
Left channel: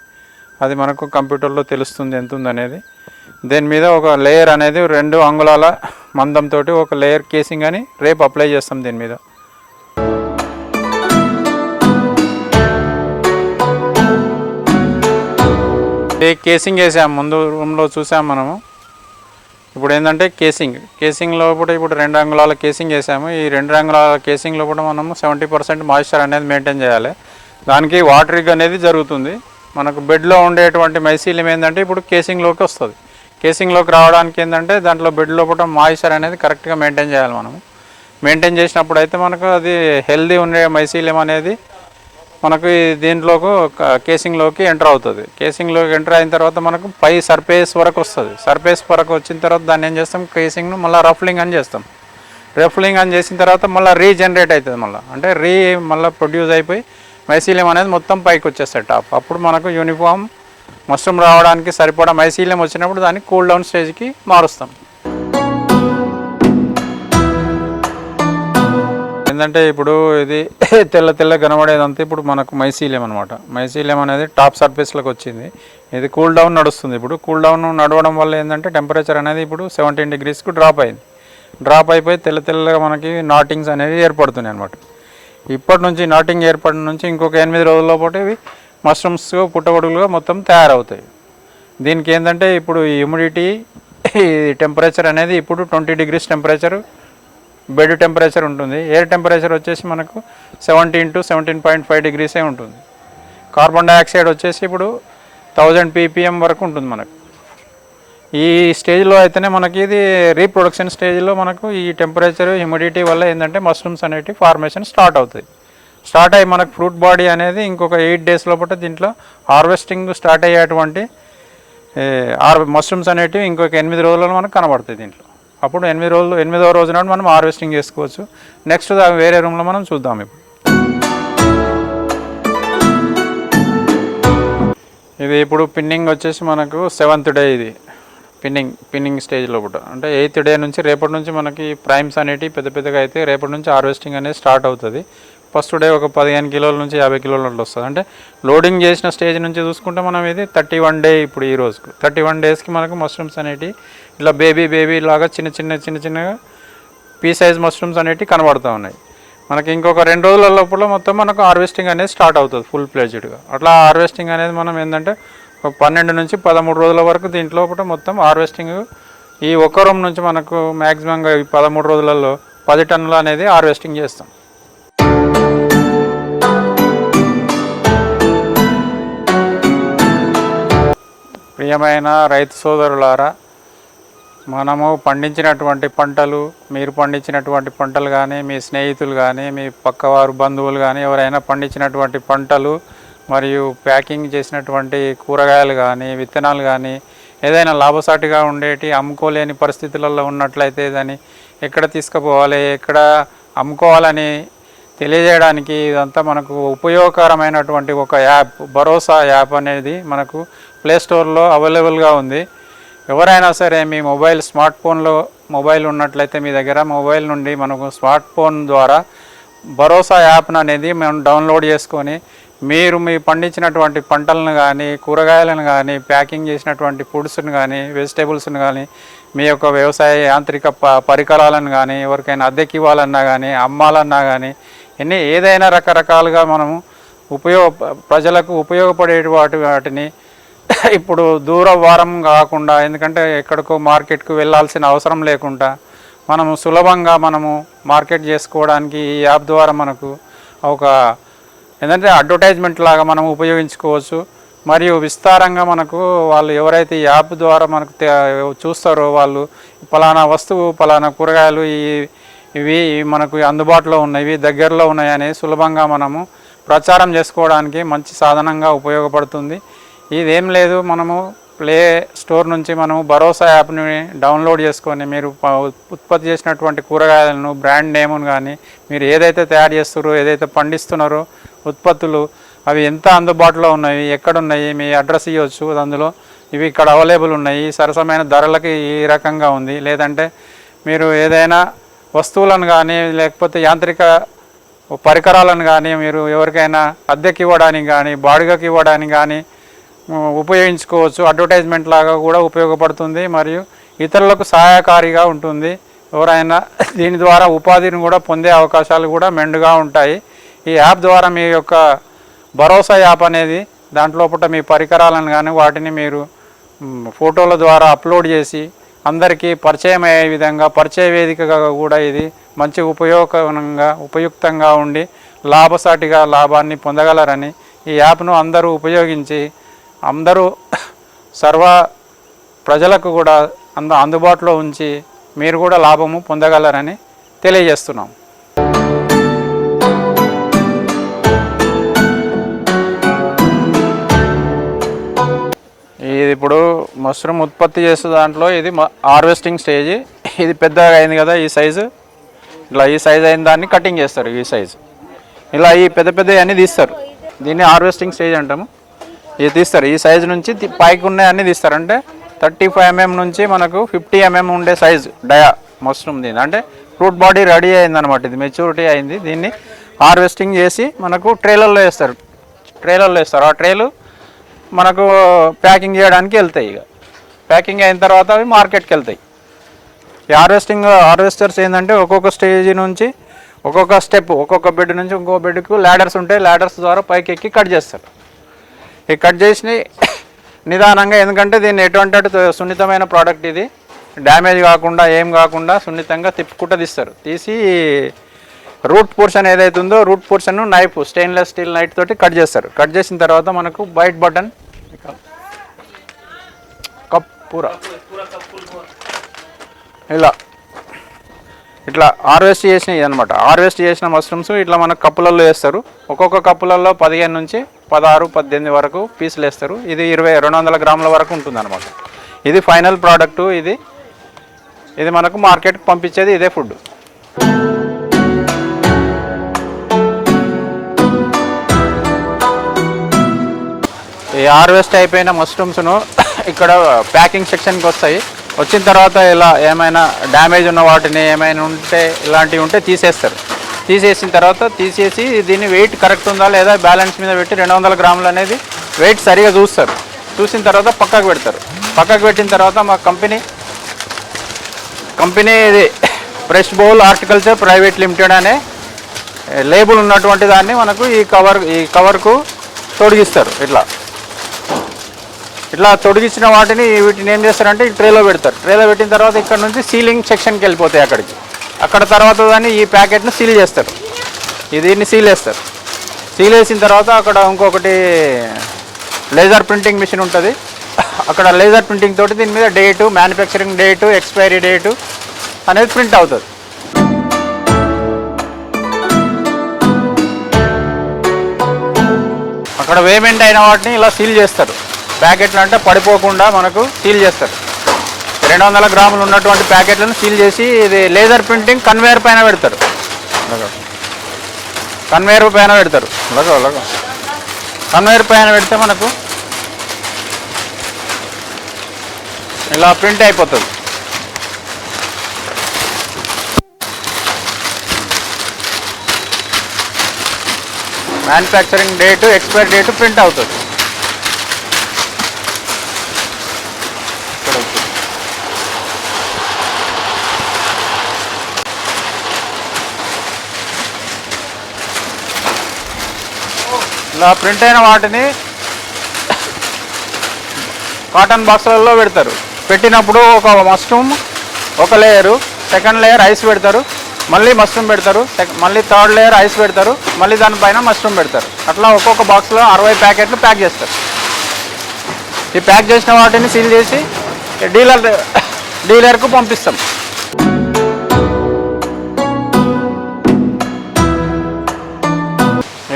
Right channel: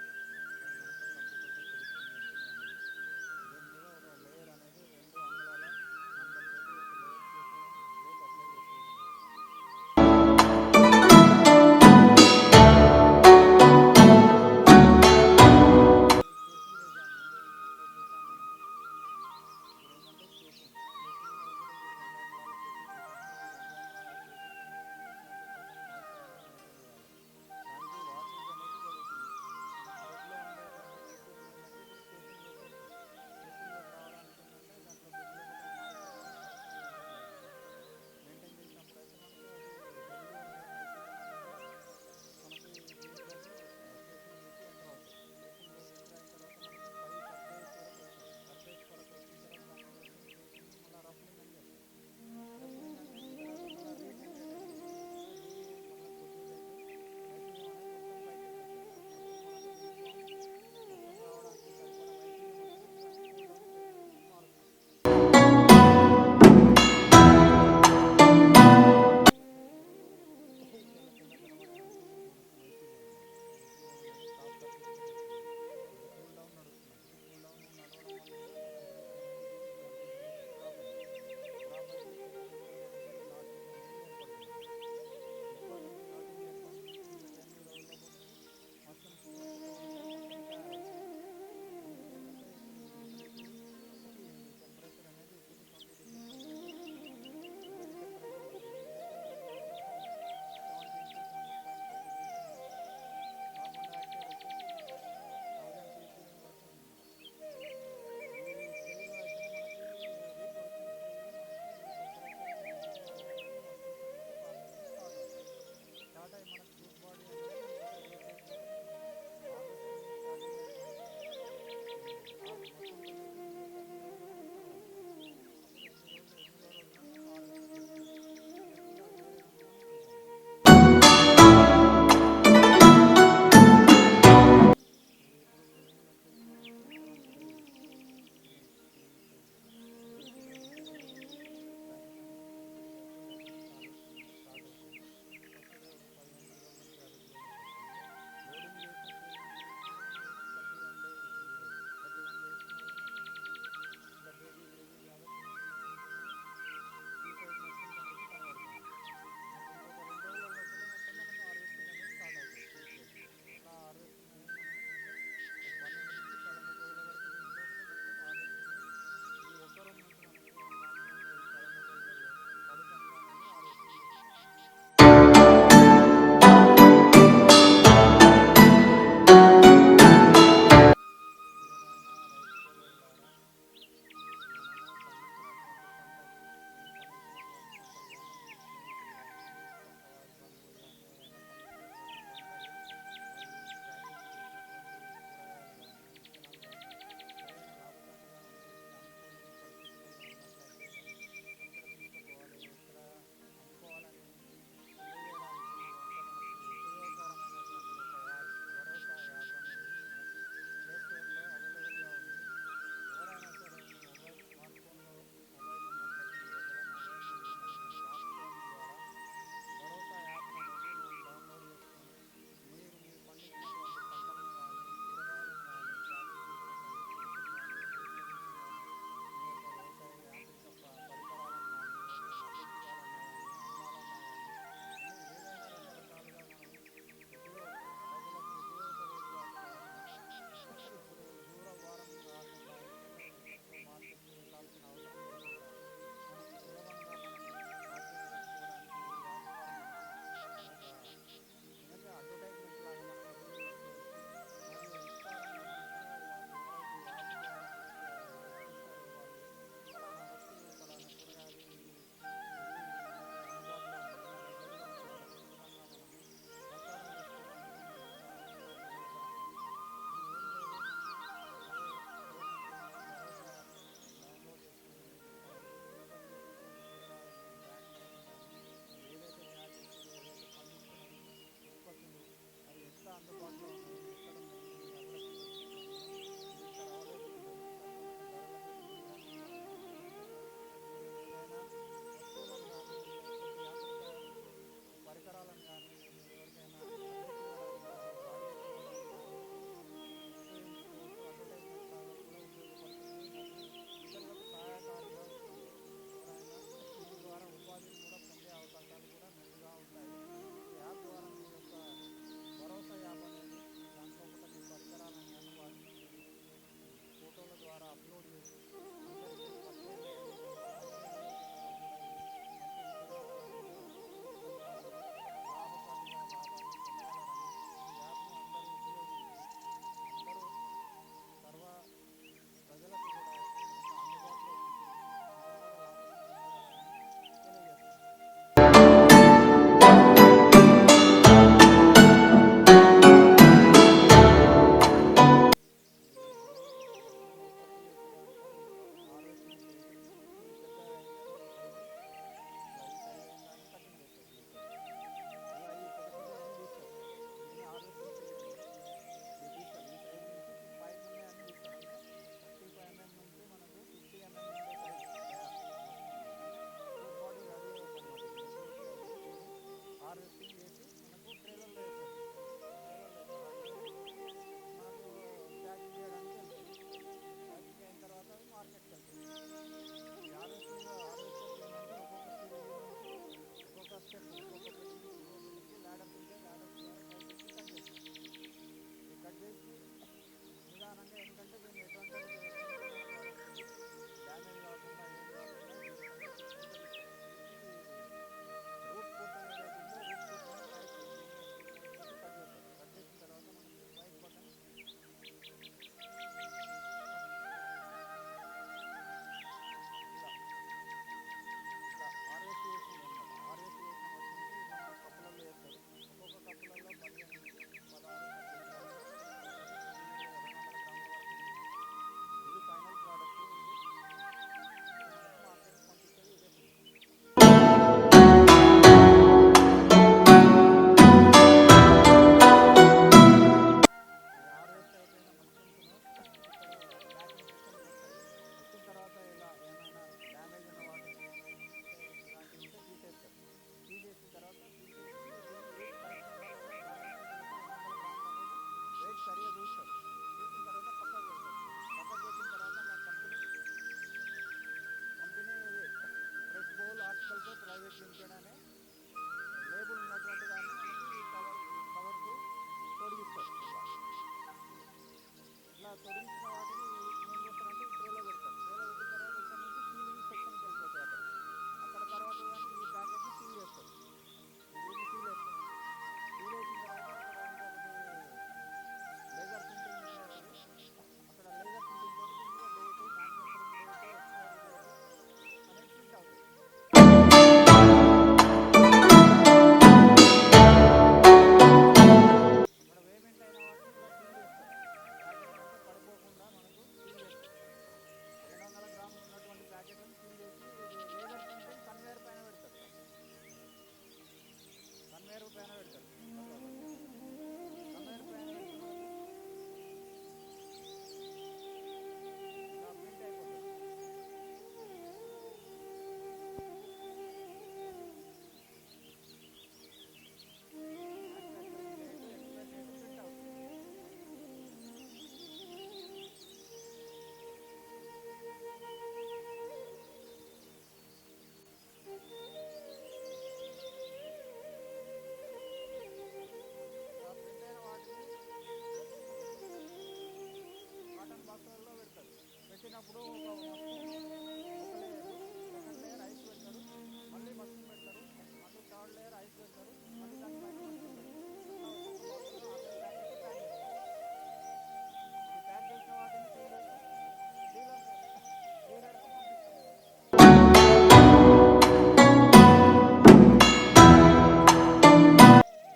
అది మనకు కంప్యూటర్లో తెలుస్తుంది ఎంత ఉందనేది. దీని మీద ఒక లేయర్ అనేది 2 అంగుళాల మందంతో ఒక లేయర్ కేసింగ్ అని రేపు అప్లై చేస్తాం దీని మీద. కేసింగ్ వేసాము, ముందు రూమ్లో చూసాము మనము. ఇప్పుడు ఏంటంటే కేసింగ్లో కూడా ఇప్పుడు 2 అంగుళాల కేసింగ్ వేసాము. ఈ 2 అంగుళాల కేసింగ్లో కూడా మనము 70% మాయిశ్చర్ అనేది మెయింటైన్ చేయాలి. దానికి వాటరింగ్ అనేది జరుగుతుంది. మనకు బెడ్లో ఉండేటువంటి మైసీలియం ఏంటంటే ఇప్పుడు కేసింగ్లోకి వస్తుంది. కేసింగ్లోకి రావడానికి ఏంటంటే దాంట్లో బెడ్ లోపల మాయిశ్చర్ అనేది కరెక్ట్గా మెయింటైన్ చేయాలి. మనము మెయింటైన్ చేసినప్పుడు అయితే మనకు అది హెల్దీ ఉండే మైసీలియం అనేది మనకు దీంట్లోకి కేసింగ్లోకి ఎంటర్ అవుతుంది. కేసింగ్లోకి ఎంటర్ అయిన తర్వాత మనకు పై సర్ఫేస్ వరకు వస్తుంది. సర్ఫేస్ వరకు వచ్చిన తర్వాత దాన్ని ఏం చేస్తాం, కేసింగ్ను మళ్ళీ రఫ్లింగ్ అని చేస్తాం. రఫ్లింగ్ అని చేసిన తర్వాత మళ్ళీ రీజనరేట్ అవుతుంది. అంటే మళ్ళీ ప్రొడ్యూస్ అయిపోయి మైసీలియం అనేది మొత్తం పైకి వచ్చేస్తుంది టాప్. అప్పుడు మనకు యూనిఫామ్ మష్రూమ్ రావడానికి సరిపడా మైసీలియం వచ్చినప్పుడు దాన్ని కూల్ డౌన్ స్టేజ్కి మారుస్తాం. ఏంటంటే ఇప్పుడు ఇది తెల్ల కనబడేదంతా ఇప్పుడు మనకు మైసీలియం అనమాట. మైసీలియం అనేది టాప్ సర్ఫేస్లోకి వచ్చింది. ఇది కూల్ డౌన్ నడుస్తుంది. ఇప్పుడు కూల్ డౌన్ నడవడం వల్ల ఏంటంటే టెంపరేచర్ అనేది ఇప్పుడు 17 డిగ్రీస్కి డ్రాప్ అయింది. డ్రాప్ అయిపోయి తెల్లగా మనకి నాటింగ్స్ అనేవి ఏర్పడుతున్నాయి అనమాట. ఇప్పటి నుంచి నాటింగ్ ఏర్పడిన నుంచి ఇంకొక 8 రోజుల పాటు ఇవి మష్రూమ్స్ పుట్టగొడుగులుగా మొత్తం తయారవుతాయి. దీనికి ఏంటంటే ఇప్పుడు ఈ హ్యూమిడిటీ టెంపరేచర్ అనేది ఇప్పుడు 20 డిగ్రీస్ టెంపరేచర్ బెడ్ టెంపరేచర్ ఉంటుంది. ఎయిర్ టెంపరేచర్ వచ్చేసి మనకు 17 to 17.5 డిగ్రీసే ఉంటుంది. కార్బన్ డైఆక్సైడ్ వచ్చేసి ఇప్పుడు 1000 ppm వరకు ఉంటుంది మనకు. ఈ స్టేజ్లో అయితేనే మనకి ఇది రీప్రొడక్షన్ స్టేజ్లో మనకు ఈ టెంపరేచర్ హ్యూమిడిటీ వల్ల ఏంటంటే మష్రూమ్స్ అనేవి ఫార్మేషన్ స్టార్ట్ అవుతాయి. స్టార్ట్ అయ్యి మనకు ఫ్రూట్ బాడీ అనేది ఇంకొక 8 days లోపల దీంట్లో హార్వెస్టింగ్ స్టార్ట్ అయ్యేటువంటి మష్రూమ్స్ అనేటివి ఇంకొక 8 రోజుల్లో మనకు కనబడతాయి దీంట్లో. అప్పుడు 8వ రోజు నాడు మనం హార్వెస్టింగ్ చేసుకోవచ్చు. నెక్స్ట్ వేరే రూమ్లో మనం చూద్దాం. ఇది ఇప్పుడు పిన్నింగ్ వచ్చేసి మనకు 7th డే. ఇది పిన్నింగ్ స్టేజ్లో కూడా అంటే 8th డే నుంచి రేపటి నుంచి మనకి ప్రైమ్స్ అనేటివి పెద్దగా అయితే రేపటి నుంచి హార్వెస్టింగ్ అనేది స్టార్ట్ అవుతుంది. ఫస్ట్ డే ఒక 15 కిలోల నుంచి 50 కిలోల అట్లా వస్తుంది. అంటే లోడింగ్ చేసిన స్టేజ్ నుంచి చూసుకుంటే మనం ఇది 31 డే. ఇప్పుడు ఈ రోజుకు 31 డేస్కి మనకు మష్రూమ్స్ అనేటివి ఇలా బేబీ లాగా చిన్నగా పీ సైజ్ మష్రూమ్స్ అనేటివి కనబడుతూ ఉన్నాయి. మనకి ఇంకొక 2 రోజుల లోపల మొత్తం మనకు హార్వెస్టింగ్ అనేది స్టార్ట్ అవుతుంది ఫుల్ ప్లేజ్డ్గా. అట్లా హార్వెస్టింగ్ అనేది మనం ఏంటంటే 12 నుంచి 13 రోజుల వరకు దీంట్లో మొత్తం హార్వెస్టింగ్ ఈ ఒక్క రూమ్ నుంచి మనకు మ్యాక్సిమంగా ఈ 13 రోజులలో 10 టన్నులు అనేది హార్వెస్టింగ్ చేస్తాం. ప్రియమైన రైతు సోదరులారా, మనము పండించినటువంటి పంటలు, మీరు పండించినటువంటి పంటలు కానీ, మీ స్నేహితులు కానీ, మీ పక్కవారు బంధువులు కానీ ఎవరైనా పండించినటువంటి పంటలు మరియు ప్యాకింగ్ చేసినటువంటి కూరగాయలు కానీ, విత్తనాలు కానీ ఏదైనా లాభసాటిగా ఉండేటి అమ్ముకోలేని పరిస్థితులలో ఉన్నట్లయితే దాన్ని ఎక్కడ తీసుకుపోవాలి, ఎక్కడ అమ్ముకోవాలని తెలియజేయడానికి ఇదంతా మనకు ఉపయోగకరమైనటువంటి ఒక యాప్, భరోసా యాప్ అనేది మనకు ప్లే స్టోర్లో అవైలబుల్గా ఉంది. ఎవరైనా సరే మీ స్మార్ట్ ఫోన్లో మొబైల్ ఉన్నట్లయితే మీ దగ్గర మొబైల్ నుండి మనకు స్మార్ట్ ఫోన్ ద్వారా భరోసా యాప్ను అనేది మనం డౌన్లోడ్ చేసుకొని మీరు మీ పండించినటువంటి పంటలను కానీ, కూరగాయలను కానీ, ప్యాకింగ్ చేసినటువంటి ఫుడ్స్ని కానీ, వెజిటేబుల్స్ని కానీ, మీ యొక్క వ్యవసాయ యాంత్రిక పరికరాలను కానీ ఎవరికైనా అద్దెకి ఇవ్వాలన్నా కానీ, అమ్మాలన్నా కానీ ఏదైనా రకరకాలుగా మనము ప్రజలకు ఉపయోగపడే వాటిని ఇప్పుడు దూర వారం కాకుండా, ఎందుకంటే ఎక్కడికో మార్కెట్కు వెళ్ళాల్సిన అవసరం లేకుండా మనము సులభంగా మార్కెట్ చేసుకోవడానికి ఈ యాప్ ద్వారా మనకు ఒక ఏంటంటే అడ్వర్టైజ్మెంట్ లాగా మనం ఉపయోగించుకోవచ్చు. మరియు విస్తారంగా మనకు వాళ్ళు ఎవరైతే ఈ యాప్ ద్వారా మనకు చూస్తారో వాళ్ళు పలానా వస్తువు పలానా కూరగాయలు ఇవి మనకు అందుబాటులో ఉన్నవి, దగ్గరలో ఉన్నాయని సులభంగా మనము ప్రచారం చేసుకోవడానికి మంచి సాధనంగా ఉపయోగపడుతుంది. ఇదేం లేదు, మనము ప్లే స్టోర్ నుంచి మనము భరోసా యాప్ని డౌన్లోడ్ చేసుకొని మీరు ఉత్పత్తి చేసినటువంటి కూరగాయలను, బ్రాండ్ నేమును కానీ, మీరు ఏదైతే తయారు చేస్తున్నారో, ఏదైతే పండిస్తున్నారో ఉత్పత్తులు అవి ఎంత అందుబాటులో ఉన్నాయి, ఎక్కడున్నాయి, మీ అడ్రస్ ఇవ్వచ్చు. అందులో ఇవి ఇక్కడ అవైలబుల్ ఉన్నాయి, సరసమైన ధరలకి ఈ రకంగా ఉంది. లేదంటే మీరు ఏదైనా వస్తువులను కానీ లేకపోతే యాంత్రిక పరికరాలను కానీ మీరు ఎవరికైనా అద్దెకి ఇవ్వడానికి కానీ బాడిగకి ఇవ్వడానికి కానీ ఉపయోగించుకోవచ్చు. అడ్వర్టైజ్మెంట్ లాగా కూడా ఉపయోగపడుతుంది మరియు ఇతరులకు సహాయకారిగా ఉంటుంది. ఎవరైనా దీని ద్వారా ఉపాధిని కూడా పొందే అవకాశాలు కూడా మెండుగా ఉంటాయి. ఈ యాప్ ద్వారా మీ యొక్క భరోసా యాప్ అనేది దాంట్లోపట మీ పరికరాలను కానీ వాటిని మీరు ఫోటోల ద్వారా అప్లోడ్ చేసి అందరికీ పరిచయం అయ్యే విధంగా పరిచయ వేదికగా కూడా ఇది మంచి ఉపయుక్తంగా ఉండి లాభసాటిగా లాభాన్ని పొందగలరని ఈ యాప్ను అందరూ ఉపయోగించి అందరూ సర్వ ప్రజలకు కూడా అందుబాటులో ఉంచి మీరు కూడా లాభము పొందగలరని తెలియజేస్తున్నాం. ఇది ఇప్పుడు మష్రూమ్ ఉత్పత్తి చేసే దాంట్లో ఇది హార్వెస్టింగ్ స్టేజ్. ఇది పెద్దగా అయింది కదా, ఈ సైజు ఇలా ఈ సైజు అయిన దాన్ని కటింగ్ చేస్తారు. ఈ సైజు ఇలా ఈ పెద్ద అన్నీ తీస్తారు. దీన్ని హార్వెస్టింగ్ స్టేజ్ అంటాము. ఇది తీస్తారు, ఈ సైజు నుంచి పైకి ఉన్నాయన్నీ తీస్తారు. అంటే 35 mm నుంచి మనకు 50 mm ఉండే సైజు డయా మష్రూమ్. దీని అంటే ఫ్రూట్ బాడీ రెడీ అయిందనమాట, ఇది మెచ్యూరిటీ అయింది. దీన్ని హార్వెస్టింగ్ చేసి మనకు ట్రేలర్లో వేస్తారు. ఆ ట్రేలు మనకు ప్యాకింగ్ చేయడానికి వెళ్తాయి. ఇక ప్యాకింగ్ అయిన తర్వాత అవి మార్కెట్కి వెళ్తాయి. ఈ హార్వెస్టర్స్ ఏంటంటే ఒక్కొక్క స్టేజ్ నుంచి ఒక్కొక్క స్టెప్, ఒక్కొక్క బెడ్ నుంచి ఇంకో బెడ్కు ల్యాడర్స్ ఉంటాయి. ల్యాడర్స్ ద్వారా పైకి ఎక్కి కట్ చేస్తారు. ఈ కట్ చేసి నిదానంగా, ఎందుకంటే దీన్ని ఎటువంటి సున్నితమైన ప్రోడక్ట్, ఇది డ్యామేజ్ కాకుండా ఏం కాకుండా సున్నితంగా తిప్పుకుంటూ తీస్తారు. తీసి రూట్ పోర్షన్ ఏదైతే ఉందో root portion knife, stainless steel knife తోటి కట్ చేస్తారు. కట్ చేసిన తర్వాత మనకు బైట్ బటన్ కప్ పూరా ఇట్లా హార్వెస్ట్ చేసినవి అనమాట. హార్వెస్ట్ చేసిన మష్రూమ్స్ ఇట్లా మనకు కప్పులలో వేస్తారు. ఒక్కొక్క కప్పులలో 15 నుంచి 16, 18 వరకు పీసులు వేస్తారు. ఇది 200 గ్రాముల వరకు ఉంటుంది అనమాట. ఇది ఫైనల్ ప్రోడక్టు. ఇది మనకు మార్కెట్కి పంపించేది ఇదే ఫుడ్. ఈ హార్వెస్ట్ అయిపోయిన మష్రూమ్స్ను ఇక్కడ ప్యాకింగ్ సెక్షన్కి వస్తాయి. వచ్చిన తర్వాత ఇలా ఏమైనా డ్యామేజ్ ఉన్న వాటిని ఏమైనా ఉంటే ఇలాంటివి ఉంటే తీసేస్తారు. తీసేసిన తర్వాత తీసేసి దీన్ని వెయిట్ కరెక్ట్ ఉందా లేదా బ్యాలెన్స్ మీద పెట్టి 200 గ్రాములు అనేది వెయిట్ సరిగా చూస్తారు. చూసిన తర్వాత పక్కకు పెడతారు. పక్కకు పెట్టిన తర్వాత మా కంపెనీ ఇది fresh bowl horticulture private limited అనే లేబుల్ ఉన్నటువంటి దాన్ని మనకు ఈ కవర్కు తొడిగిస్తారు. ఇట్లా తొడిగించిన వీటిని ఏం చేస్తారంటే ఈ ట్రేలో పెడతారు. ట్రేలో పెట్టిన తర్వాత ఇక్కడ నుంచి సీలింగ్ సెక్షన్కి వెళ్ళిపోతాయి. అక్కడ తర్వాత దాన్ని ఈ ప్యాకెట్ను సీల్ చేస్తారు. దీన్ని సీల్ వేస్తారు. సీల్ వేసిన తర్వాత అక్కడ ఇంకొకటి లేజర్ ప్రింటింగ్ మిషన్ ఉంటుంది. అక్కడ లేజర్ ప్రింటింగ్ తోటి దీని మీద date, manufacturing date, expiry date అనేది ప్రింట్ అవుతుంది. అక్కడ పేమెంట్ అయిన వాటిని ఇలా సీల్ చేస్తారు. ప్యాకెట్లు అంటే పడిపోకుండా మనకు సీల్ చేస్తారు. 200 గ్రాములు ఉన్నటువంటి ప్యాకెట్లను సీల్ చేసి ఇది లేజర్ ప్రింటింగ్ కన్వేయర్ పైన పెడతారు. కన్వేయర్ పైన పెడితే మనకు ఇలా ప్రింట్ అయిపోతుంది. Manufacturing date, expiry date print అవుతుంది. ఇలా ప్రింట్ అయిన వాటిని కాటన్ బాక్సులలో పెడతారు. పెట్టినప్పుడు ఒక మష్రూమ్ ఒక లేయరు, సెకండ్ లేయర్ ఐస్ పెడతారు, మళ్ళీ మష్రూమ్ పెడతారు, మళ్ళీ థర్డ్ లేయర్ ఐస్ పెడతారు, మళ్ళీ దానిపైన మష్రూమ్ పెడతారు. అట్లా ఒక్కొక్క బాక్స్లో 60 ప్యాకెట్లు ప్యాక్ చేస్తారు. ఈ ప్యాక్ చేసిన వాటిని సీల్ చేసి డీలర్కు పంపిస్తాం.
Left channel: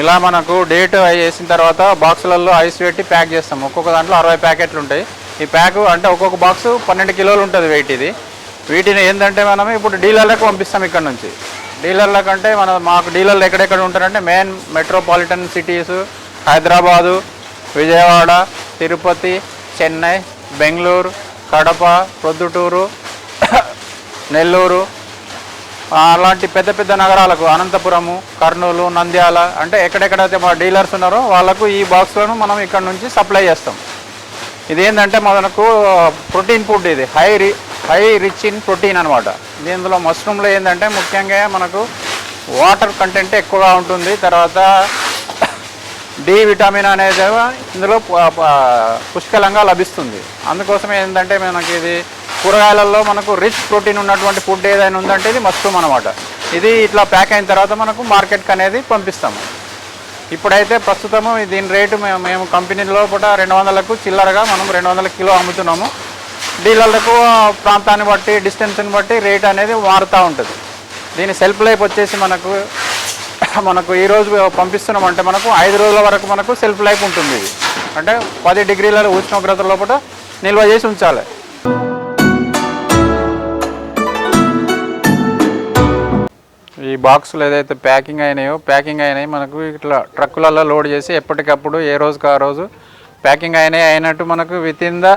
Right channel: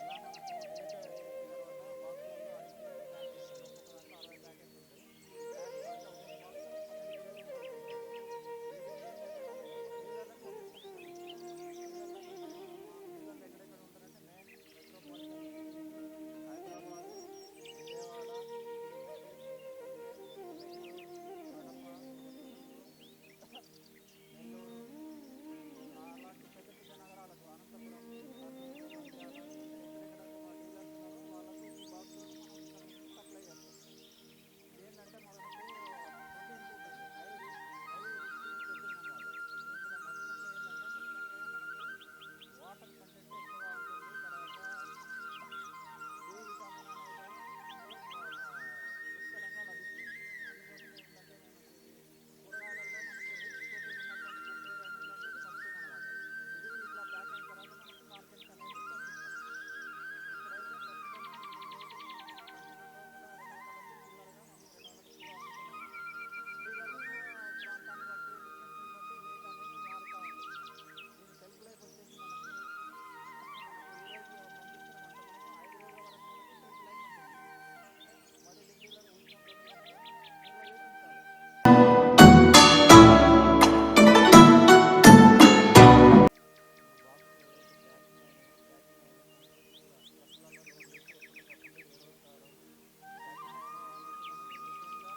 ఇలా మనకు డేట్ వేసిన తర్వాత బాక్సులలో ఐస్ పెట్టి ప్యాక్ చేస్తాం. ఒక్కొక్క దాంట్లో 60 ప్యాకెట్లు ఉంటాయి. ఈ ప్యాక్ అంటే ఒక్కొక్క బాక్సు 12 కిలోలు ఉంటుంది వెయిట్. ఇది వీటిని ఏంటంటే మనం ఇప్పుడు డీలర్లకు పంపిస్తాం. ఇక్కడ నుంచి డీలర్లకు అంటే మాకు డీలర్లు ఎక్కడెక్కడ ఉంటారంటే main metropolitan cities Hyderabad, Vijayawada, Tirupati, Chennai, Bengaluru, Kadapa, Proddatur, Nellore, అలాంటి పెద్ద పెద్ద నగరాలకు, అనంతపురము, కర్నూలు, నంద్యాల, అంటే ఎక్కడెక్కడైతే మా డీలర్స్ ఉన్నారో వాళ్ళకు ఈ బాక్స్లను మనం ఇక్కడ నుంచి సప్లై చేస్తాం. ఇదేంటంటే మనకు ప్రోటీన్ ఫుడ్. ఇది హై రిచ్ ఇన్ ప్రోటీన్ అనమాట. దీనిలో మష్రూమ్లో ఏంటంటే ముఖ్యంగా మనకు వాటర్ కంటెంట్ ఎక్కువగా ఉంటుంది. తర్వాత డి విటమిన్ అనేది ఇందులో పుష్కలంగా లభిస్తుంది. అందుకోసమే ఏంటంటే మనకి ఇది కూరగాయలలో మనకు రిచ్ ప్రోటీన్ ఉన్నటువంటి ఫుడ్ ఏదైనా ఉందంటే ఇది మష్రూమ్ అనమాట. ఇది ఇట్లా ప్యాక్ అయిన తర్వాత మనకు మార్కెట్కి అనేది పంపిస్తాము. ఇప్పుడైతే ప్రస్తుతము దీని రేటు మేము కంపెనీ లోపల 200కు చిల్లరగా మనం 200 కిలో అమ్ముతున్నాము. డీలర్లకు ప్రాంతాన్ని బట్టి డిస్టెన్స్ని బట్టి రేట్ అనేది మారుతూ ఉంటుంది. దీని సెల్ఫ్ లైఫ్ వచ్చేసి మనకు ఈరోజు పంపిస్తున్నామంటే మనకు 5 రోజుల వరకు మనకు సెల్ఫ్ లైఫ్ ఉంటుంది. ఇది అంటే 10 డిగ్రీల ఉష్ణోగ్రత లోపల నిల్వ చేసి ఉంచాలి. ఈ బాక్సులు ఏదైతే ప్యాకింగ్ అయినాయి మనకు ఇట్లా ట్రక్కులలో లోడ్ చేసి ఎప్పటికప్పుడు ఏ రోజుకి ఆ రోజు ప్యాకింగ్ అయినట్టు మనకు వితిన్ ద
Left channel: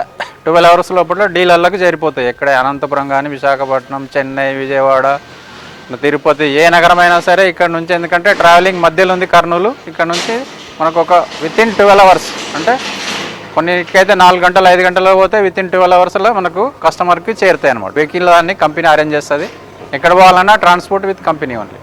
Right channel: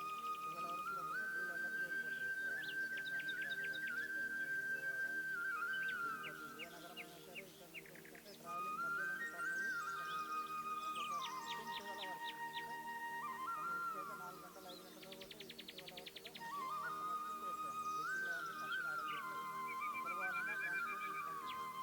12 అవర్స్ లోపల డీలర్లకు చేరిపోతాయి. ఎక్కడ అనంతపురం కానీ, విశాఖపట్నం, చెన్నై, విజయవాడ, తిరుపతి, ఏ నగరమైనా సరే ఇక్కడ నుంచి. ఎందుకంటే ట్రావెలింగ్ మధ్యలో ఉంది కర్నూలు. ఇక్కడ నుంచి మనకు ఒక వితిన్ 12 అవర్స్ అంటే కొన్నిటికైతే 4 గంటలు 5 గంటల్లో పోతే వితిన్ 12 అవర్స్లో మనకు కస్టమర్కి చేరుతాయి అనమాట. వెహికల్ దాన్ని కంపెనీ అరేంజ్ చేస్తుంది. ఎక్కడ పోవాలన్నా transport with company only.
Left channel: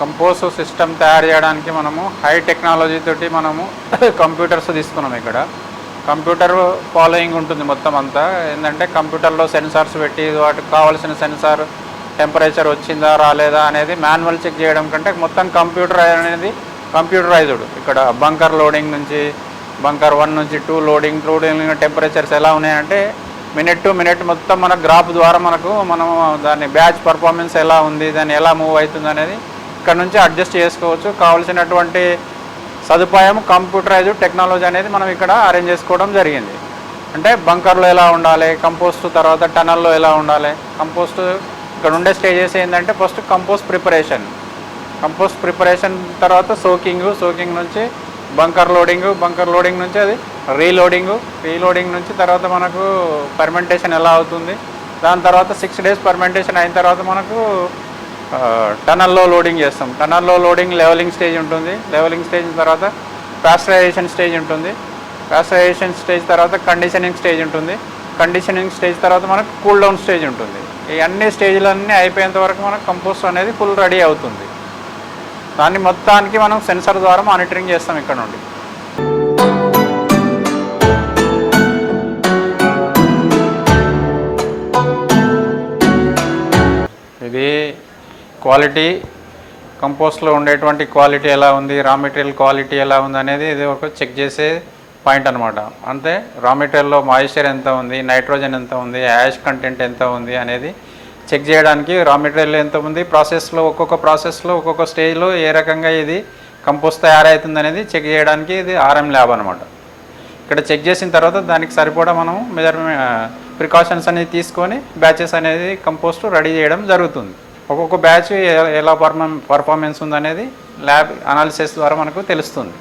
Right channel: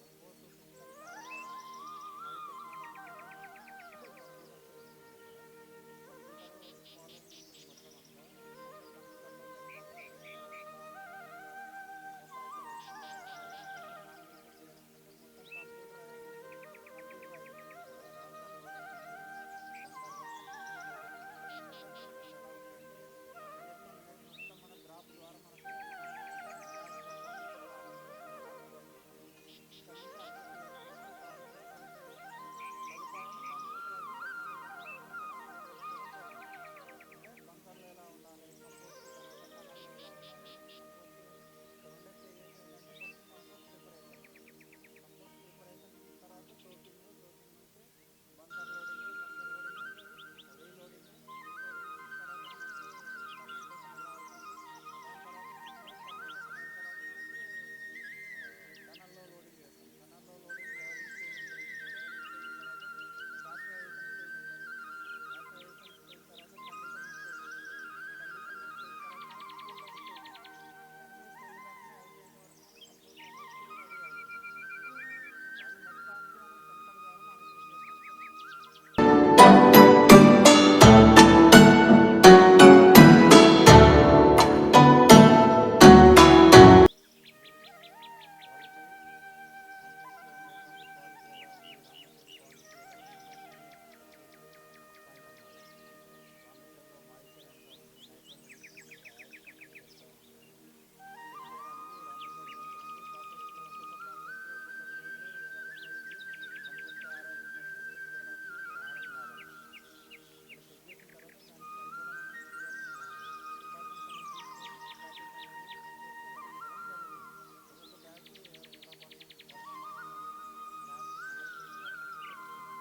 Compost system తయారు చేయడానికి మనము హై టెక్నాలజీ తోటి మనము కంప్యూటర్స్ తీసుకున్నాం. ఇక్కడ కంప్యూటర్ ఫాలోయింగ్ ఉంటుంది మొత్తం అంతా. ఏంటంటే కంప్యూటర్లో సెన్సార్స్ పెట్టి వాటికి కావాల్సిన సెన్సార్ టెంపరేచర్ వచ్చిందా రాలేదా అనేది మాన్యువల్ చెక్ చేయడం కంటే మొత్తం కంప్యూటర్ అనేది కంప్యూటరైజ్డ్. ఇక్కడ బంకర్ లోడింగ్ నుంచి బంకర్ 1 నుంచి 2 లోడింగ్ టెంపరేచర్స్ ఎలా ఉన్నాయంటే మినిట్ టు మినిట్ మొత్తం మన గ్రాఫ్ ద్వారా మనం దాని బ్యాచ్ పర్ఫార్మెన్స్ ఎలా ఉంది, దాన్ని ఎలా మూవ్ అవుతుంది అనేది ఇక్కడ నుంచి అడ్జస్ట్ చేసుకోవచ్చు. కావాల్సినటువంటి సదుపాయం కంప్యూటరైజ్డ్ టెక్నాలజీ అనేది మనం ఇక్కడ అరేంజ్ చేసుకోవడం జరిగింది. అంటే బంకర్లో ఎలా ఉండాలి, కంపోస్ట్ తర్వాత టనల్లో ఎలా ఉండాలి. కంపోస్ట్ ఇక్కడ ఉండే స్టేజెస్ ఏంటంటే ఫస్ట్ కంపోస్ట్ ప్రిపరేషన్ తర్వాత సోకింగ్ నుంచి బంకర్ లోడింగ్ నుంచి అది రీలోడింగ్ నుంచి తర్వాత మనకు ఫర్మెంటేషన్ ఎలా అవుతుంది. దాని తర్వాత 6 డేస్ ఫర్మెంటేషన్ అయిన తర్వాత మనకు టనల్లో లోడింగ్ చేస్తాం. టనల్లో లోడింగ్ లెవెలింగ్ స్టేజ్ ఉంటుంది. లెవెలింగ్ స్టేజ్ తర్వాత పాస్టరైజేషన్ స్టేజ్ ఉంటుంది. పాస్టరైజేషన్ స్టేజ్ తర్వాత కండిషనింగ్ స్టేజ్ ఉంటుంది. కండిషనింగ్ స్టేజ్ తర్వాత మనకు కూల్ డౌన్ స్టేజ్ ఉంటుంది. ఈ అన్ని స్టేజ్లన్నీ అయిపోయేంత వరకు మనకు కంపోస్ట్ అనేది ఫుల్ రెడీ అవుతుంది. దాన్ని మొత్తానికి మనం సెన్సార్ ద్వారా మానిటరింగ్ చేస్తాం ఇక్కడ నుండి. ఇది క్వాలిటీ, కంపోస్ట్లో ఉండేటువంటి క్వాలిటీ ఎలా ఉంది, రా మెటీరియల్ క్వాలిటీ ఎలా ఉంది అనేది ఇది ఒక చెక్ చేసే పాయింట్ అనమాట. అంతే రా మెటీరియల్లో మాయిశ్చర్ ఎంత ఉంది, నైట్రోజన్ ఎంత ఉంది, యాష్ కంటెంట్ ఎంత ఉంది అనేది చెక్ చేయడానికి రా మెటీరియల్ ఎంత ఉంది, ఒక్కొక్క ప్రాసెస్లో ఒక్కొక్క స్టేజ్లో ఏ రకంగా ఇది కంపోస్ట్ తయారవుతుంది అనేది చెక్ చేయడానికి ఇది ఆర్ఎం ల్యాబ్ అనమాట. ఇక్కడ చెక్ చేసిన తర్వాత దానికి సరిపడా మనం ప్రికాషన్స్ అనేది తీసుకొని బ్యాచెస్ అనేది కంపోస్ట్ రెడీ చేయడం జరుగుతుంది. ఒక్కొక్క బ్యాచ్ ఎలా పర్ఫార్మెన్స్ ఉందనేది ల్యాబ్ అనాలిసిస్ ద్వారా మనకు తెలుస్తుంది.